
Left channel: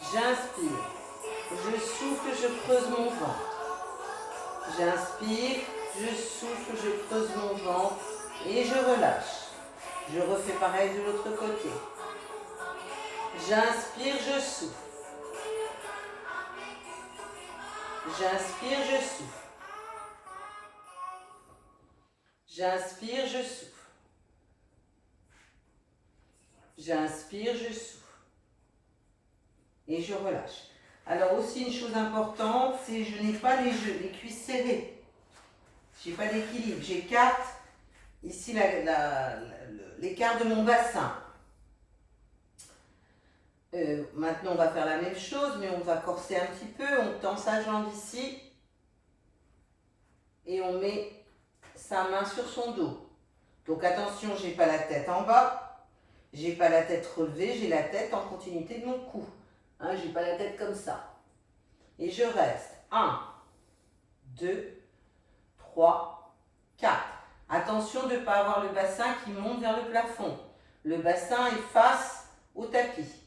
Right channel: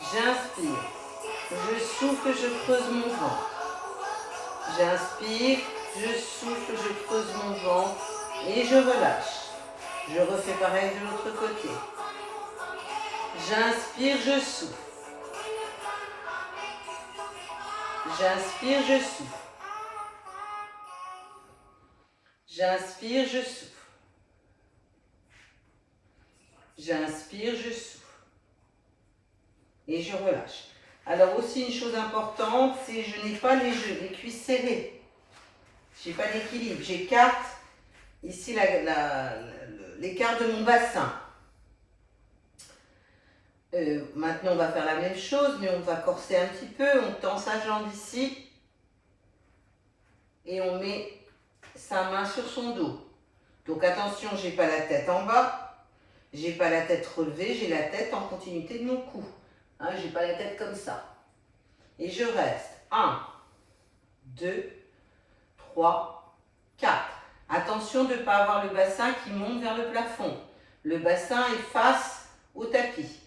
J'inspire. Je souffle, je creuse mon ventre. J'inspire, je souffle, je creuse mon ventre et je relâche. Je refais pareil de l'autre côté. J'inspire, je souffle. J'inspire, je souffle. J'inspire, je souffle. J'inspire, je souffle. Et je relâche. Alors aussi une chose importante, c'est que je n'ai pas les cuisses serrées. Je n'ai pas d'équilibre. J'écarte ici l'écart de mon bassin. Maintenant, on va faire la même chose, mais on va corser un petit peu. On tend sa jambe ici. Et on met sa main sur son dos. Donc attention, je n'ai pas la tête en bas. Je n'ai pas la tête relevée. J'ai la tête en continuité de mon cou. Hein, je n'ai pas la tête comme ça. Et je reste. 1, 2, 3, 4. Attention de ne pas avoir le bassin qui monte vers le plafond. Le bassin est face au tapis.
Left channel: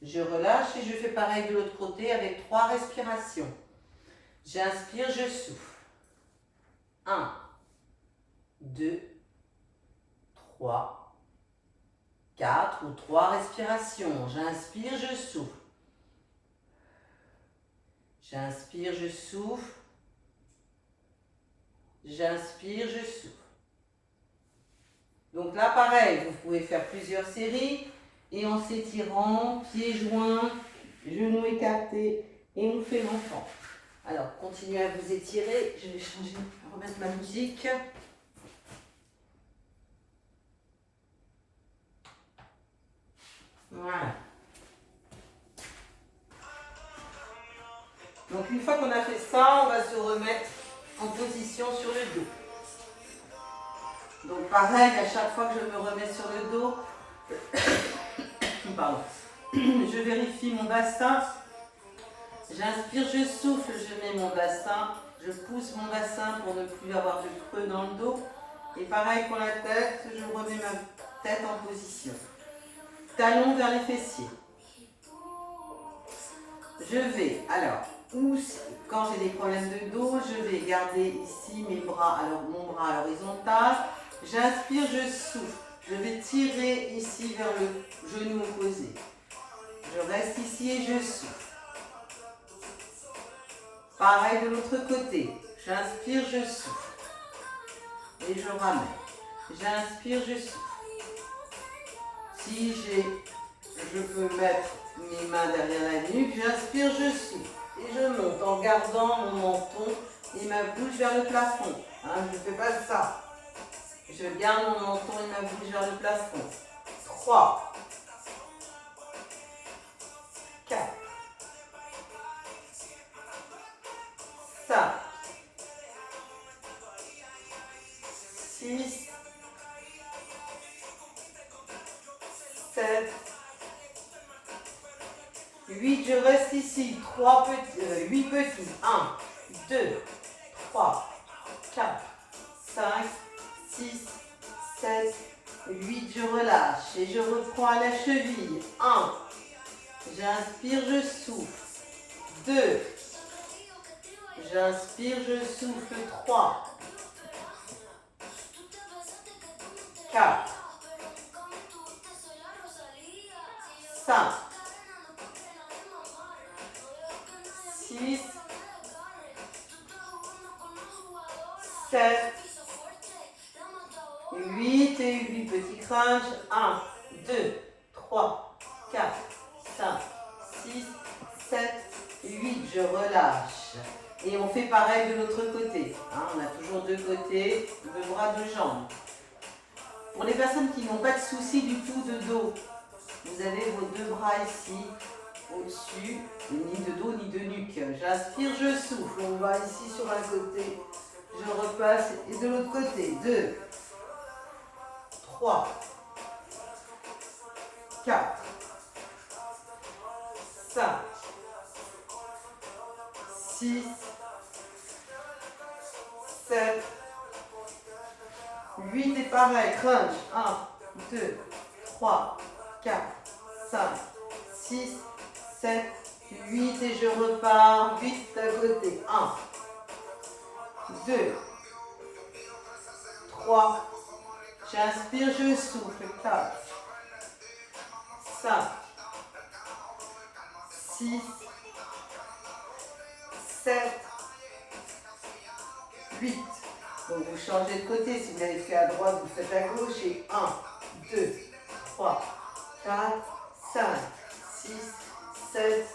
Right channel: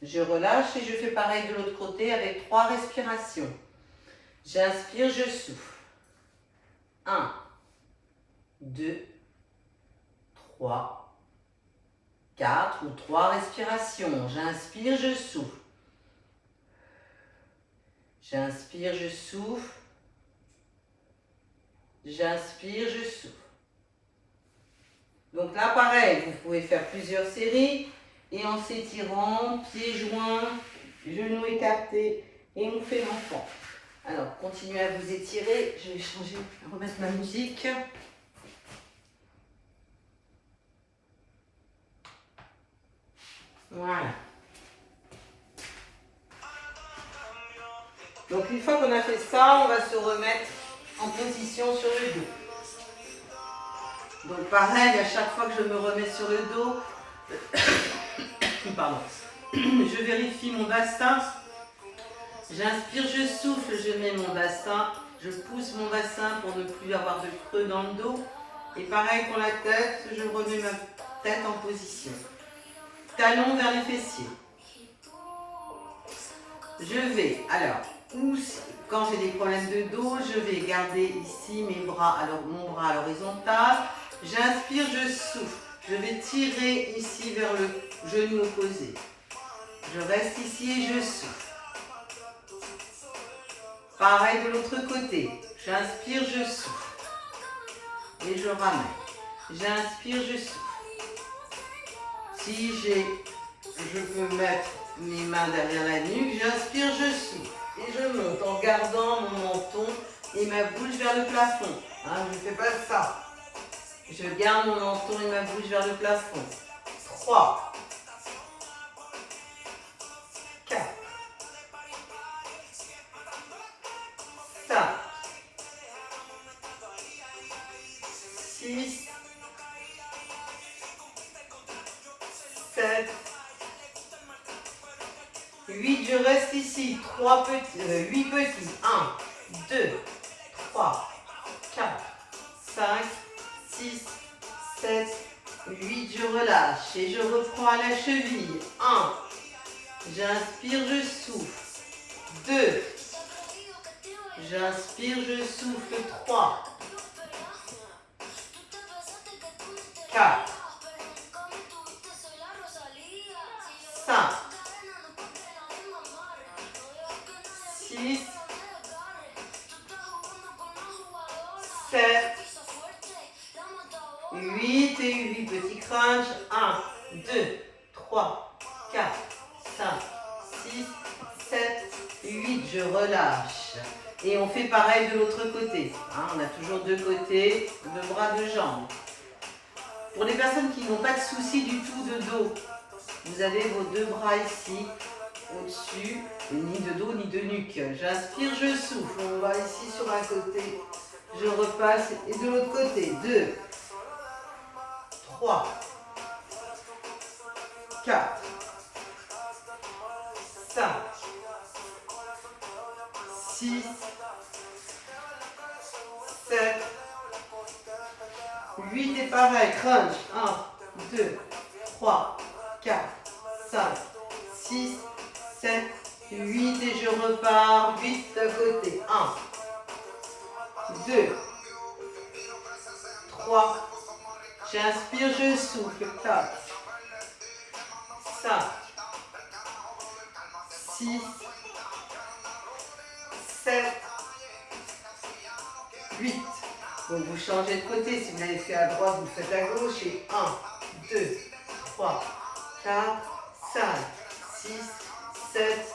Je relâche et je fais pareil de l'autre côté avec 3 respirations. J'inspire, je souffle. 1, 2, 3, 4 ou 3 respirations. J'inspire, je souffle. J'inspire, je souffle. J'inspire, je souffle. Donc là, pareil, vous pouvez faire plusieurs séries et en s'étirant, pieds joints, genoux écartés et on fait l'enfant. Alors, continuez à vous étirer. Je vais changer, remettre ma musique. Voilà. Donc une fois qu'on a fait ça, on va se remettre en position sur le dos. Donc pareil, à chaque fois que je me remets sur le dos, pardon, je vérifie mon bassin. J'inspire, je souffle, je mets mon bassin, je pousse mon bassin pour ne plus avoir de creux dans le dos. Et pareil pour la tête, je remets ma tête en position. Talons vers les fessiers. Je vais, alors, quand j'ai des problèmes de dos, je vais garder ici mes bras, alors mon bras à l'horizontale. J'inspire, je souffle. Je vais tirer ici vers le genou opposé. Je reste ici et je souffle. Pareil de l'autre côté. J'inspire, je souffle. Et je ramène. J'inspire, je souffle. Si je peux mettre mes mains derrière la nuque, j'inspire, je souffle. Et je monte en gardant mon menton et ma bouche vers le plafond. Hein, je ne fais pas ça. Je garde mon menton et ma bouche vers le plafond. 3, 4, 5, 6, 7, 8, je reste ici. 8 petits. 1, 2, 3, 4, 5, 6, 7, 8, je relâche et je reprends à la cheville. 1, j'inspire, je souffle. 2, j'inspire, je souffle. 3, 4, 5, 6, 7, 8 et 8 petits crunchs. 1, 2, 3, 4, 5, 6, 7, 8. Je relâche. Et on fait pareil de l'autre côté. Hein, on a toujours deux côtés, deux bras, deux jambes. Pour les personnes qui n'ont pas de souci du tout de dos, vous avez vos deux bras ici, au-dessus, ni de dos ni de nuque. J'inspire, je souffle. On va ici sur un côté. Je repasse et de l'autre côté. 2, 3, 4, 5, 6, 7, 8 et pareil. Crunch. 1, 2, 3, 4, 5, 6, 7, 8 et je repars. 8 à côté. 1, 2, 3. J'inspire, je souffle. 4, 5, 6, 7, 8. Donc vous changez de côté. Si vous l'avez fait à droite, vous faites à gauche. Et 1, 2, 3, 4, 5, 6, 7,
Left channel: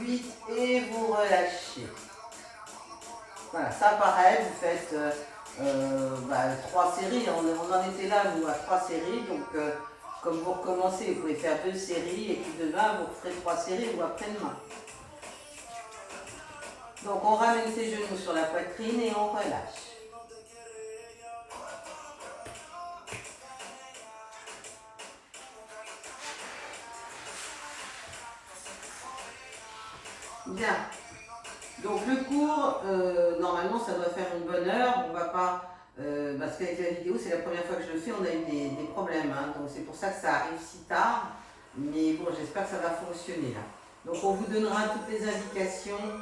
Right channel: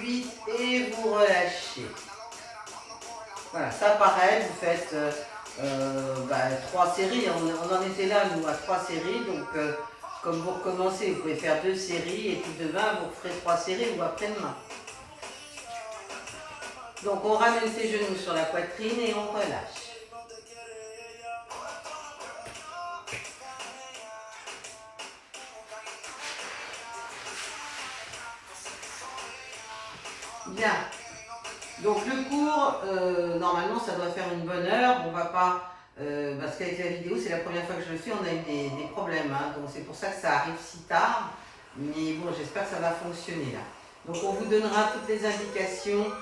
8. Et vous relâchez. Voilà, ça pareil, vous faites 3 séries. On en était là, nous, à 3 séries. Donc, comme vous recommencez, vous pouvez faire 2 séries. Et puis demain, vous ferez 3 séries ou après-demain. Donc, on ramène ses genoux sur la poitrine et on relâche. Bien. Donc le cours, normalement ça doit faire une bonne heure, on va pas, parce qu'avec la vidéo c'est la première fois que je le fais, on a eu des problèmes, hein, donc c'est pour ça que ça arrive si tard, mais bon j'espère que ça va fonctionner là. Donc on vous donnera toutes les indications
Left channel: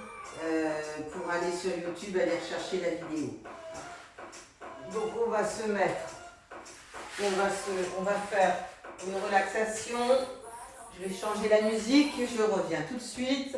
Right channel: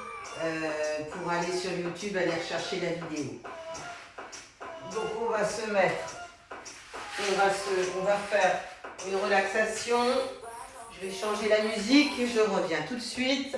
pour aller sur YouTube, aller rechercher la vidéo. Donc on va se mettre, on va faire une relaxation, je vais changer la musique et je reviens tout de suite.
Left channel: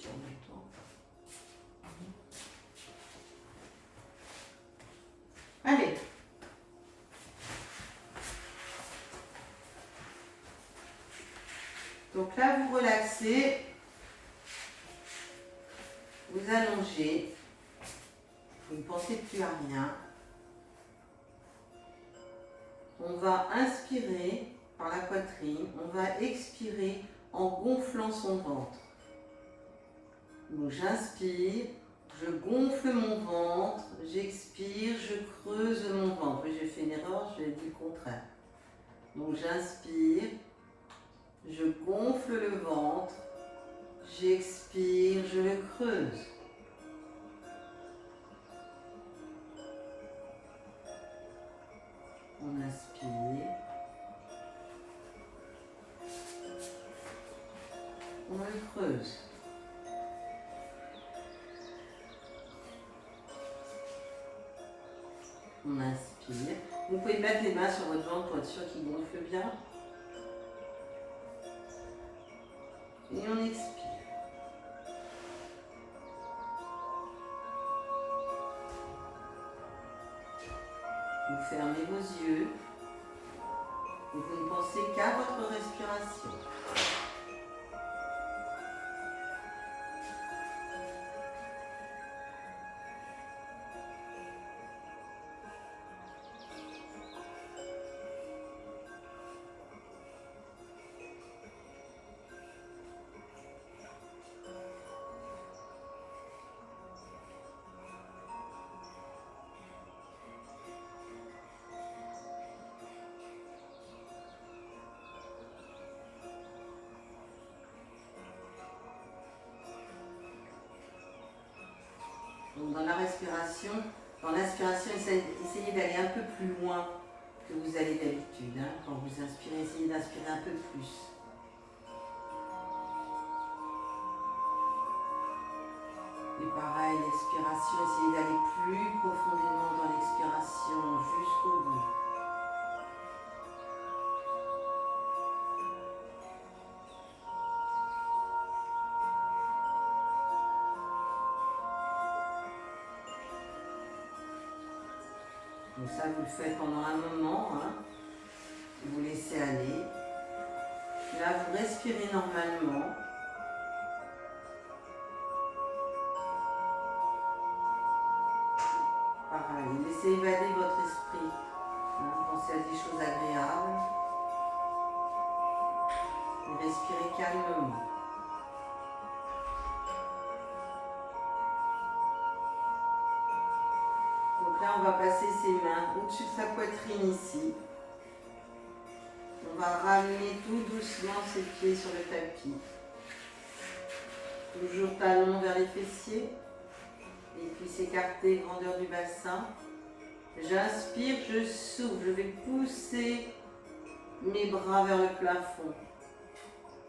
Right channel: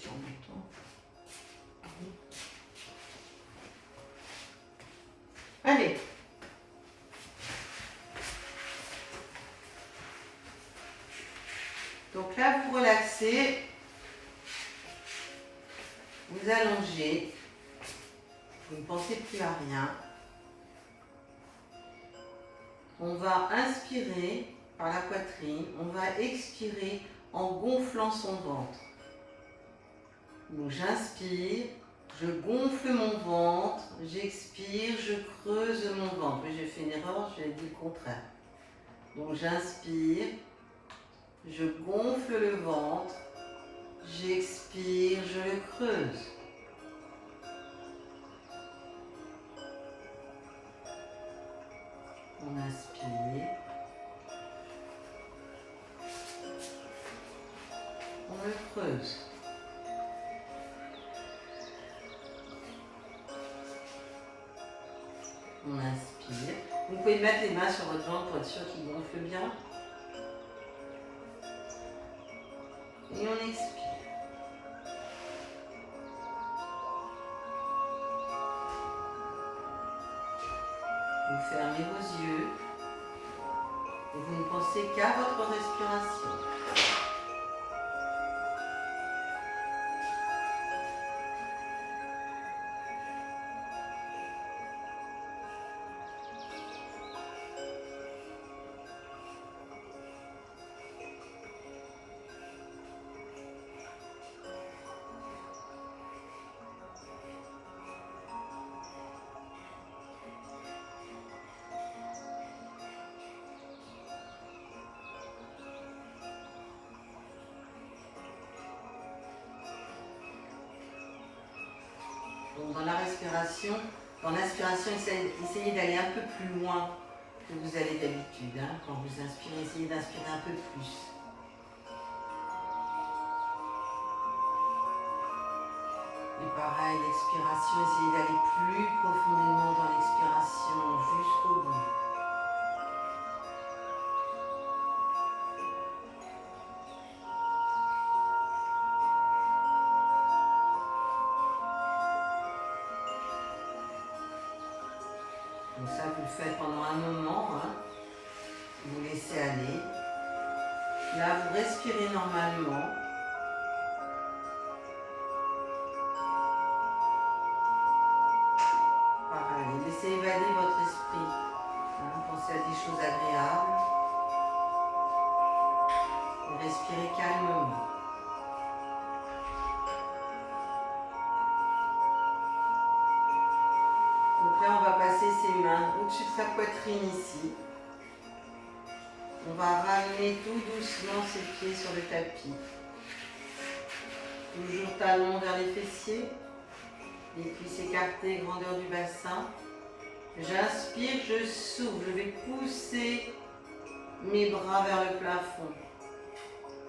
Sur mon temps. Allez. Donc là, vous relaxez, vous allongez, vous ne pensez plus à rien. On va inspirer par la poitrine, on va expirer en gonflant son ventre. Donc j'inspire, je gonfle mon ventre, j'expire, je creuse mon ventre. Oui, j'ai fait une erreur, j'ai dit le contraire. Donc j'inspire, je gonfle le ventre, j'expire, je le creuse. On inspire, on le creuse. On inspire. Vous pouvez mettre les mains sur votre ventre pour être sûr qu'il gonfle bien. Et on expire. Vous fermez vos yeux et vous ne pensez qu'à votre respiration. Donc dans la respiration, dans l'inspiration, essayez d'aller un peu plus loin que vous allez d'habitude. Hein. Quand vous inspirez, essayez d'inspirer un peu plus. Et pareil, l'expiration, essayez d'aller plus profondément dans l'expiration jusqu'au bout. Donc ça, vous le faites pendant un moment, hein. Vous laissez aller. Là, vous respirez normalement. Pareil, laissez évader votre esprit. Hein, pensez faites des choses agréables. Et respirez calmement. Donc là, on va passer ses mains au-dessus de sa poitrine ici. On va ramener tout doucement ses pieds sur le tapis. Toujours talons vers les fessiers. Et puis s'écarter, grandeur du bassin. J'inspire, je souffle. Je vais pousser mes bras vers le plafond.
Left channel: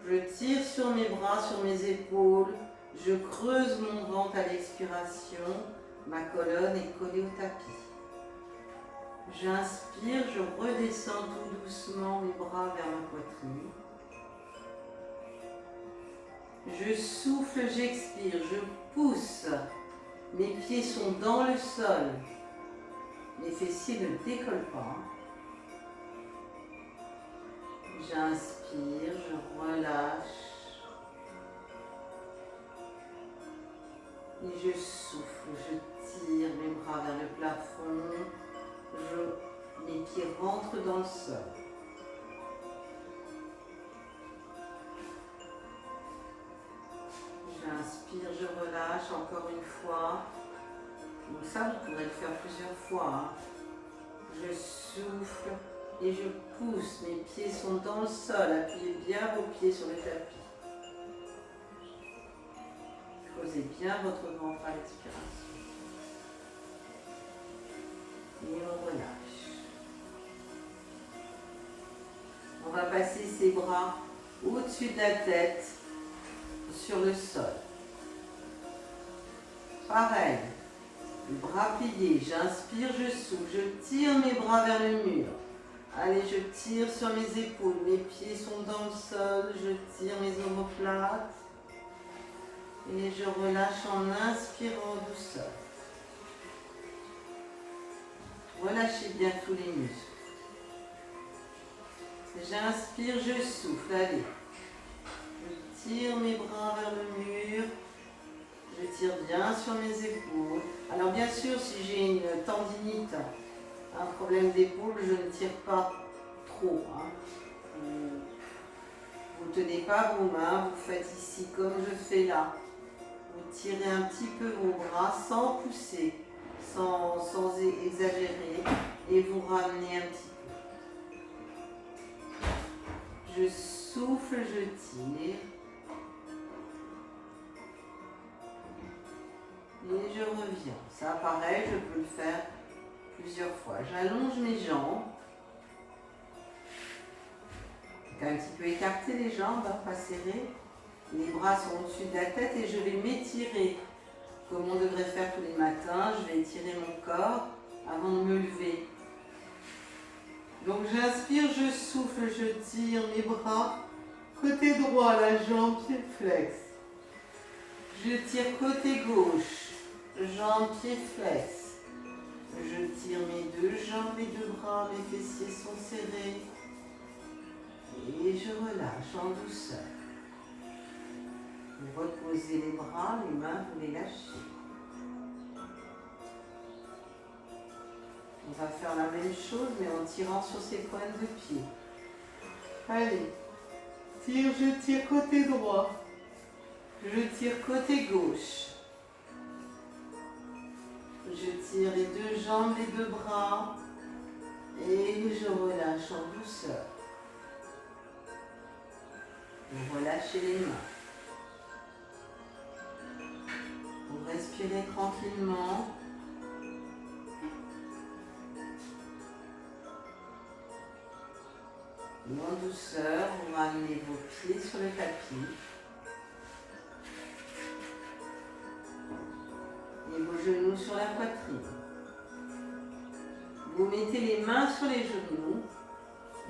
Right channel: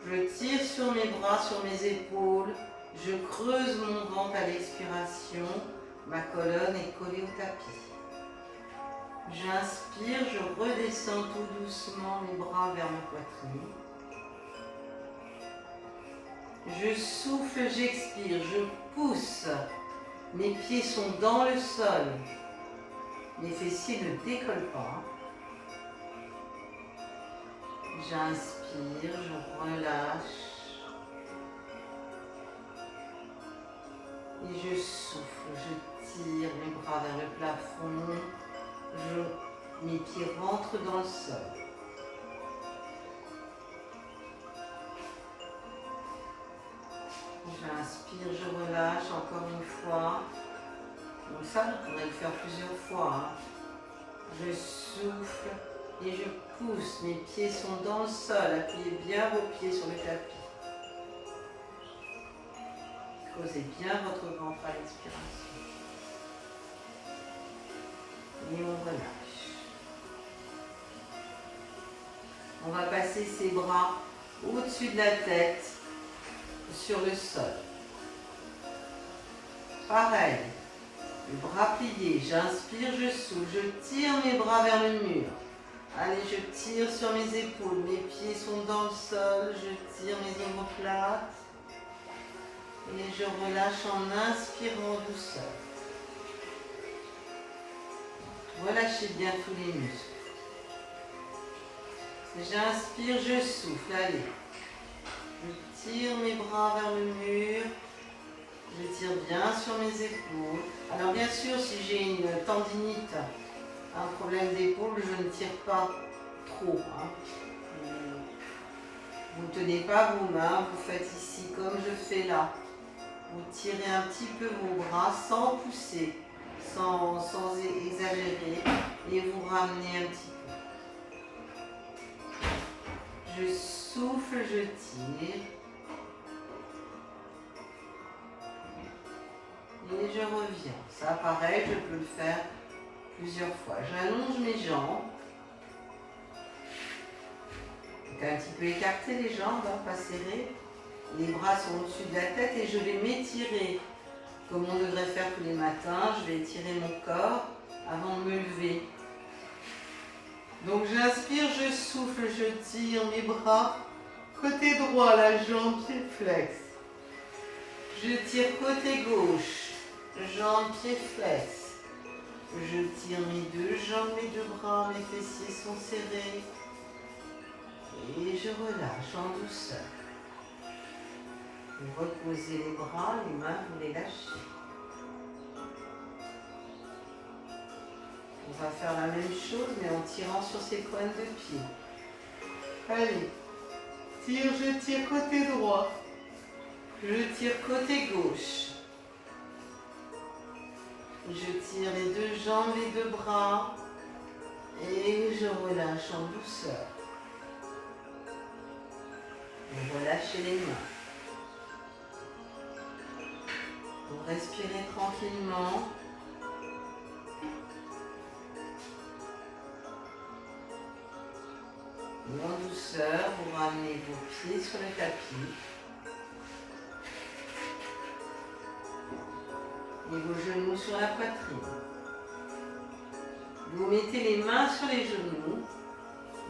Je tire sur mes bras, sur mes épaules. Je creuse mon ventre à l'expiration. Ma colonne est collée au tapis. J'inspire, je redescends tout doucement mes bras vers ma poitrine. Je souffle, j'expire, je pousse. Mes pieds sont dans le sol. Mes fessiers ne décollent pas. J'inspire, je relâche. Et je souffle, je tire mes bras vers le plafond. Mes pieds rentrent dans le sol. J'inspire, je relâche encore une fois. Donc ça, vous pourrez le faire plusieurs fois. Je souffle et je pousse. Mes pieds sont dans le sol. Appuyez bien vos pieds sur le tapis. Creusez bien votre ventre à l'expiration. Et on relâche. On va passer ses bras au-dessus de la tête, sur le sol. Pareil, le bras plié, j'inspire, je souffle, je tire mes bras vers le mur. Allez, je tire sur mes épaules, mes pieds sont dans le sol, je tire mes omoplates. Et je relâche en inspirant douceur. Relâchez bien tous les muscles. J'inspire, je souffle, allez. Je tire mes bras vers le mur. Je tire bien sur mes épaules. Alors bien sûr, si j'ai une tendinite, un problème d'épaule, je ne tire pas trop. Vous ne tenez pas vos mains, vous faites ici comme je fais là. Vous tirez un petit peu vos bras sans pousser, sans exagérer, et vous ramenez un petit peu. Je souffle, je tire. Et je reviens. Ça, pareil, je peux le faire plusieurs fois. J'allonge mes jambes. Un petit peu écarter les jambes, pas serrées. Les bras sont au-dessus de la tête et je vais m'étirer. Comme on devrait faire tous les matins, je vais étirer mon corps avant de me lever. Donc j'inspire, je souffle, je tire mes bras. Côté droit, la jambe, pied flex. Je tire côté gauche, jambe, pied flex. Je tire mes deux jambes, mes deux bras, mes fessiers sont serrés. Et je relâche en douceur. Vous reposez les bras, les mains, vous les lâchez. On va faire la même chose, mais en tirant sur ses pointes de pied. Allez, tire, je tire côté droit. Je tire côté gauche. Je tire les deux jambes, les deux bras. Et je relâche en douceur. Vous relâchez les mains. Vous respirez tranquillement. Et en douceur, vous ramenez vos pieds sur le tapis. Et vos genoux sur la poitrine. Vous mettez les mains sur les genoux.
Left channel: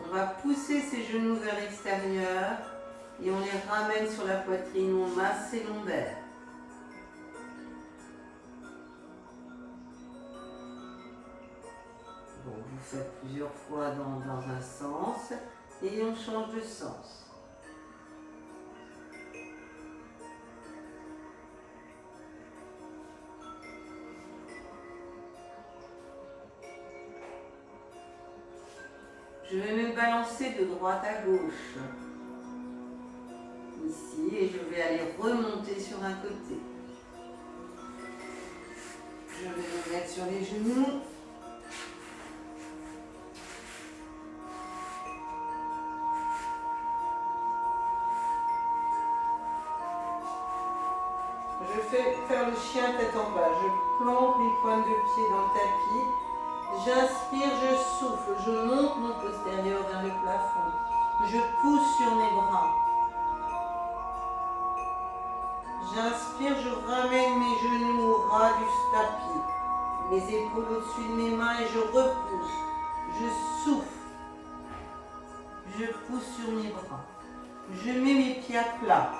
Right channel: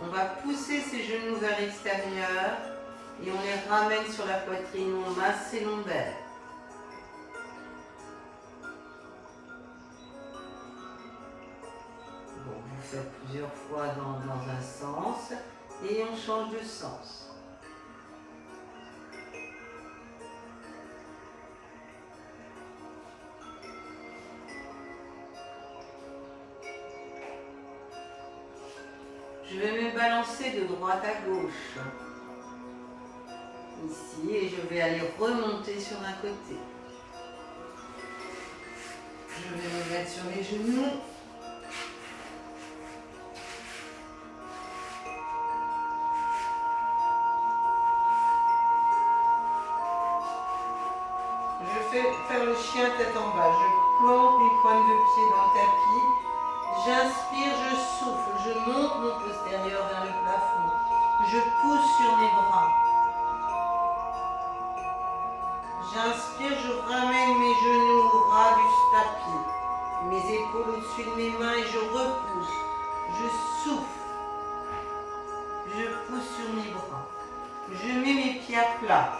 On va pousser ces genoux vers l'extérieur et on les ramène sur la poitrine. On masse ses lombaires. Bon, vous faites plusieurs fois dans un sens et on change de sens. Je vais me balancer de droite à gauche. Ici, et je vais aller remonter sur un côté. Je vais me mettre sur les genoux. Je vais faire le chien tête en bas. Je plante mes pointes de pied dans le tapis. J'inspire, je souffle, je monte mon postérieur vers le plafond. Je pousse sur mes bras. J'inspire, je ramène mes genoux au ras du tapis. Mes épaules au-dessus de mes mains et je repousse. Je souffle. Je pousse sur mes bras. Je mets mes pieds à plat.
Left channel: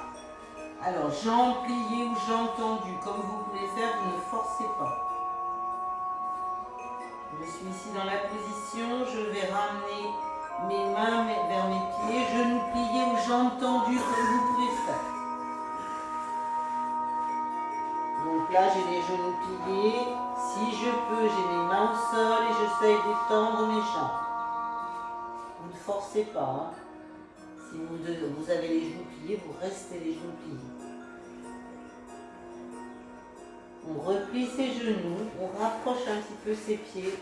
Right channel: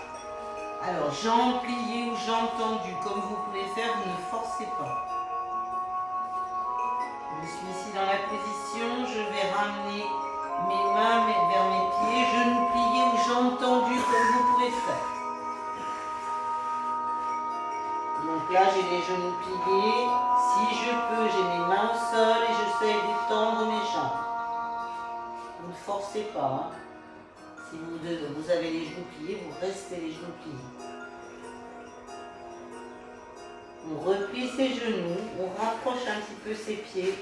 Alors, jambes pliées ou jambes tendues, comme vous pouvez faire, vous ne forcez pas. Je suis ici dans la position, je vais ramener mes mains vers mes pieds, genoux pliés ou jambes tendues, comme vous pouvez faire. Donc là, j'ai les genoux pliés. Si je peux, j'ai mes mains au sol et j'essaye d'étendre mes jambes. Vous ne forcez pas. Hein. Si vous avez les genoux pliés, vous restez les genoux pliés. On replie ses genoux, on rapproche un petit peu ses pieds.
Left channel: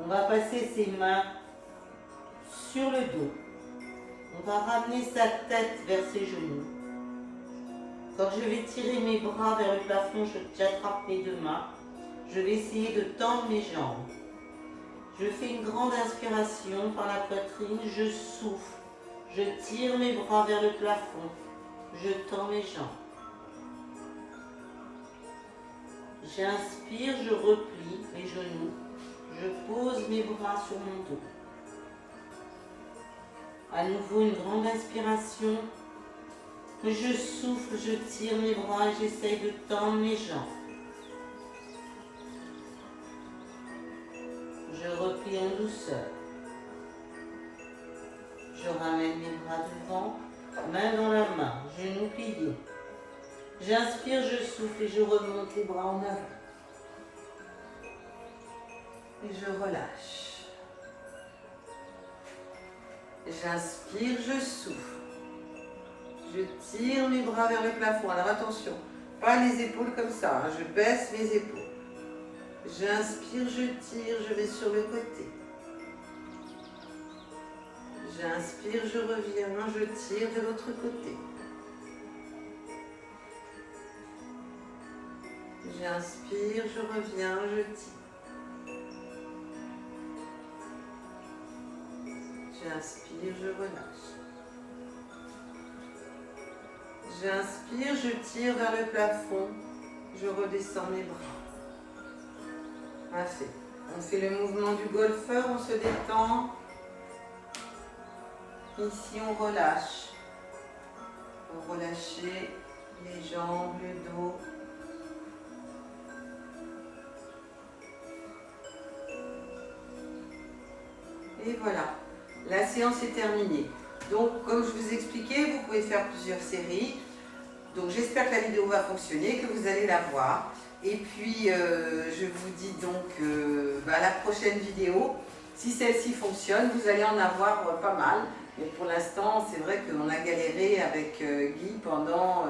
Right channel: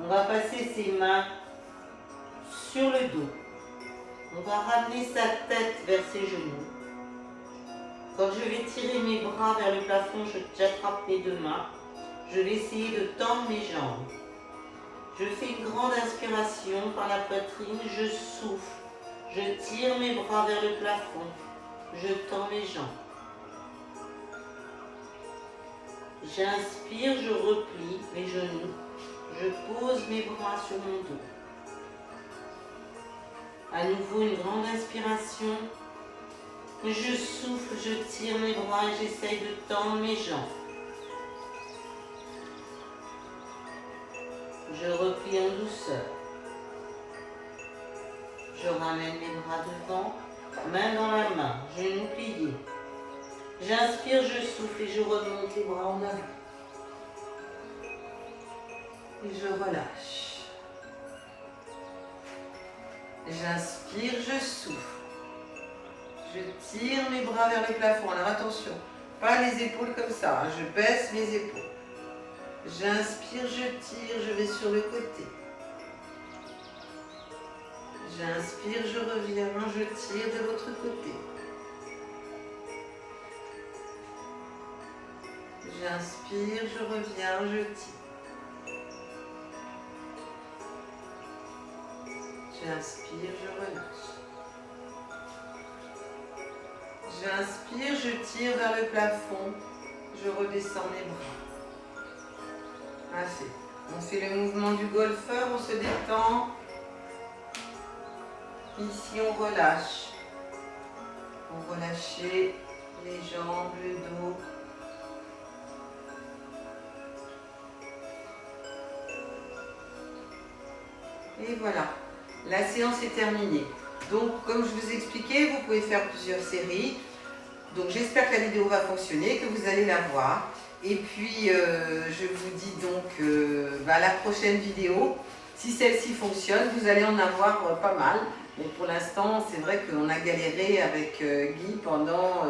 On va passer ses mains sur le dos. On va ramener sa tête vers ses genoux. Quand je vais tirer mes bras vers le plafond, j'attrape mes deux mains. Je vais essayer de tendre mes jambes. Je fais une grande inspiration par la poitrine, je souffle. Je tire mes bras vers le plafond. Je tends mes jambes. J'inspire, je replie mes genoux. Je pose mes bras sur mon dos. À nouveau, une grande inspiration. Je souffle, je tire mes bras et j'essaye de tendre mes jambes. Je replie en douceur. Je ramène mes bras devant, main dans la main, genoux pliés. J'inspire, je souffle et je remonte les bras en avant. Et je relâche. J'inspire, je souffle. Je tire mes bras vers le plafond. Alors attention, pas les épaules comme ça. Hein. Je baisse mes épaules. J'inspire, je tire, je vais sur le côté. J'inspire, je reviens, je tire de l'autre côté. J'inspire, je reviens, je tire. J'inspire, je relâche. J'inspire, je tire vers le plafond. Je redescends mes bras. Assez. On fait le mouvement du golfeur, on se détend. Ici, on relâche. On relâche les jambes, le dos. Et voilà, la séance est terminée. Donc, comme je vous expliquais, vous pouvez faire plusieurs séries. Donc, j'espère que la vidéo va fonctionner, que vous allez la voir. Et puis, je vous dis donc à la prochaine vidéo. Si celle-ci fonctionne, vous allez en avoir pas mal. Mais pour l'instant, c'est vrai qu'on a galéré avec Guy pendant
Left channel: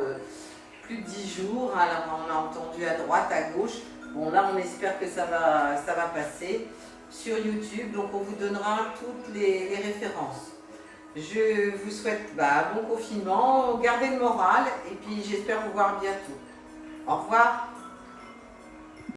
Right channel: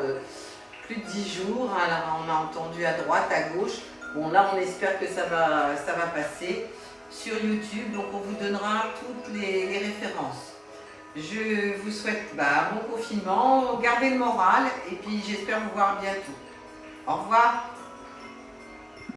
plus de 10 jours. Alors, on a entendu à droite, à gauche. Bon, là, on espère que ça va passer sur YouTube. Donc, on vous donnera toutes les références. Je vous souhaite bon confinement, gardez le moral et puis j'espère vous voir bientôt. Au revoir.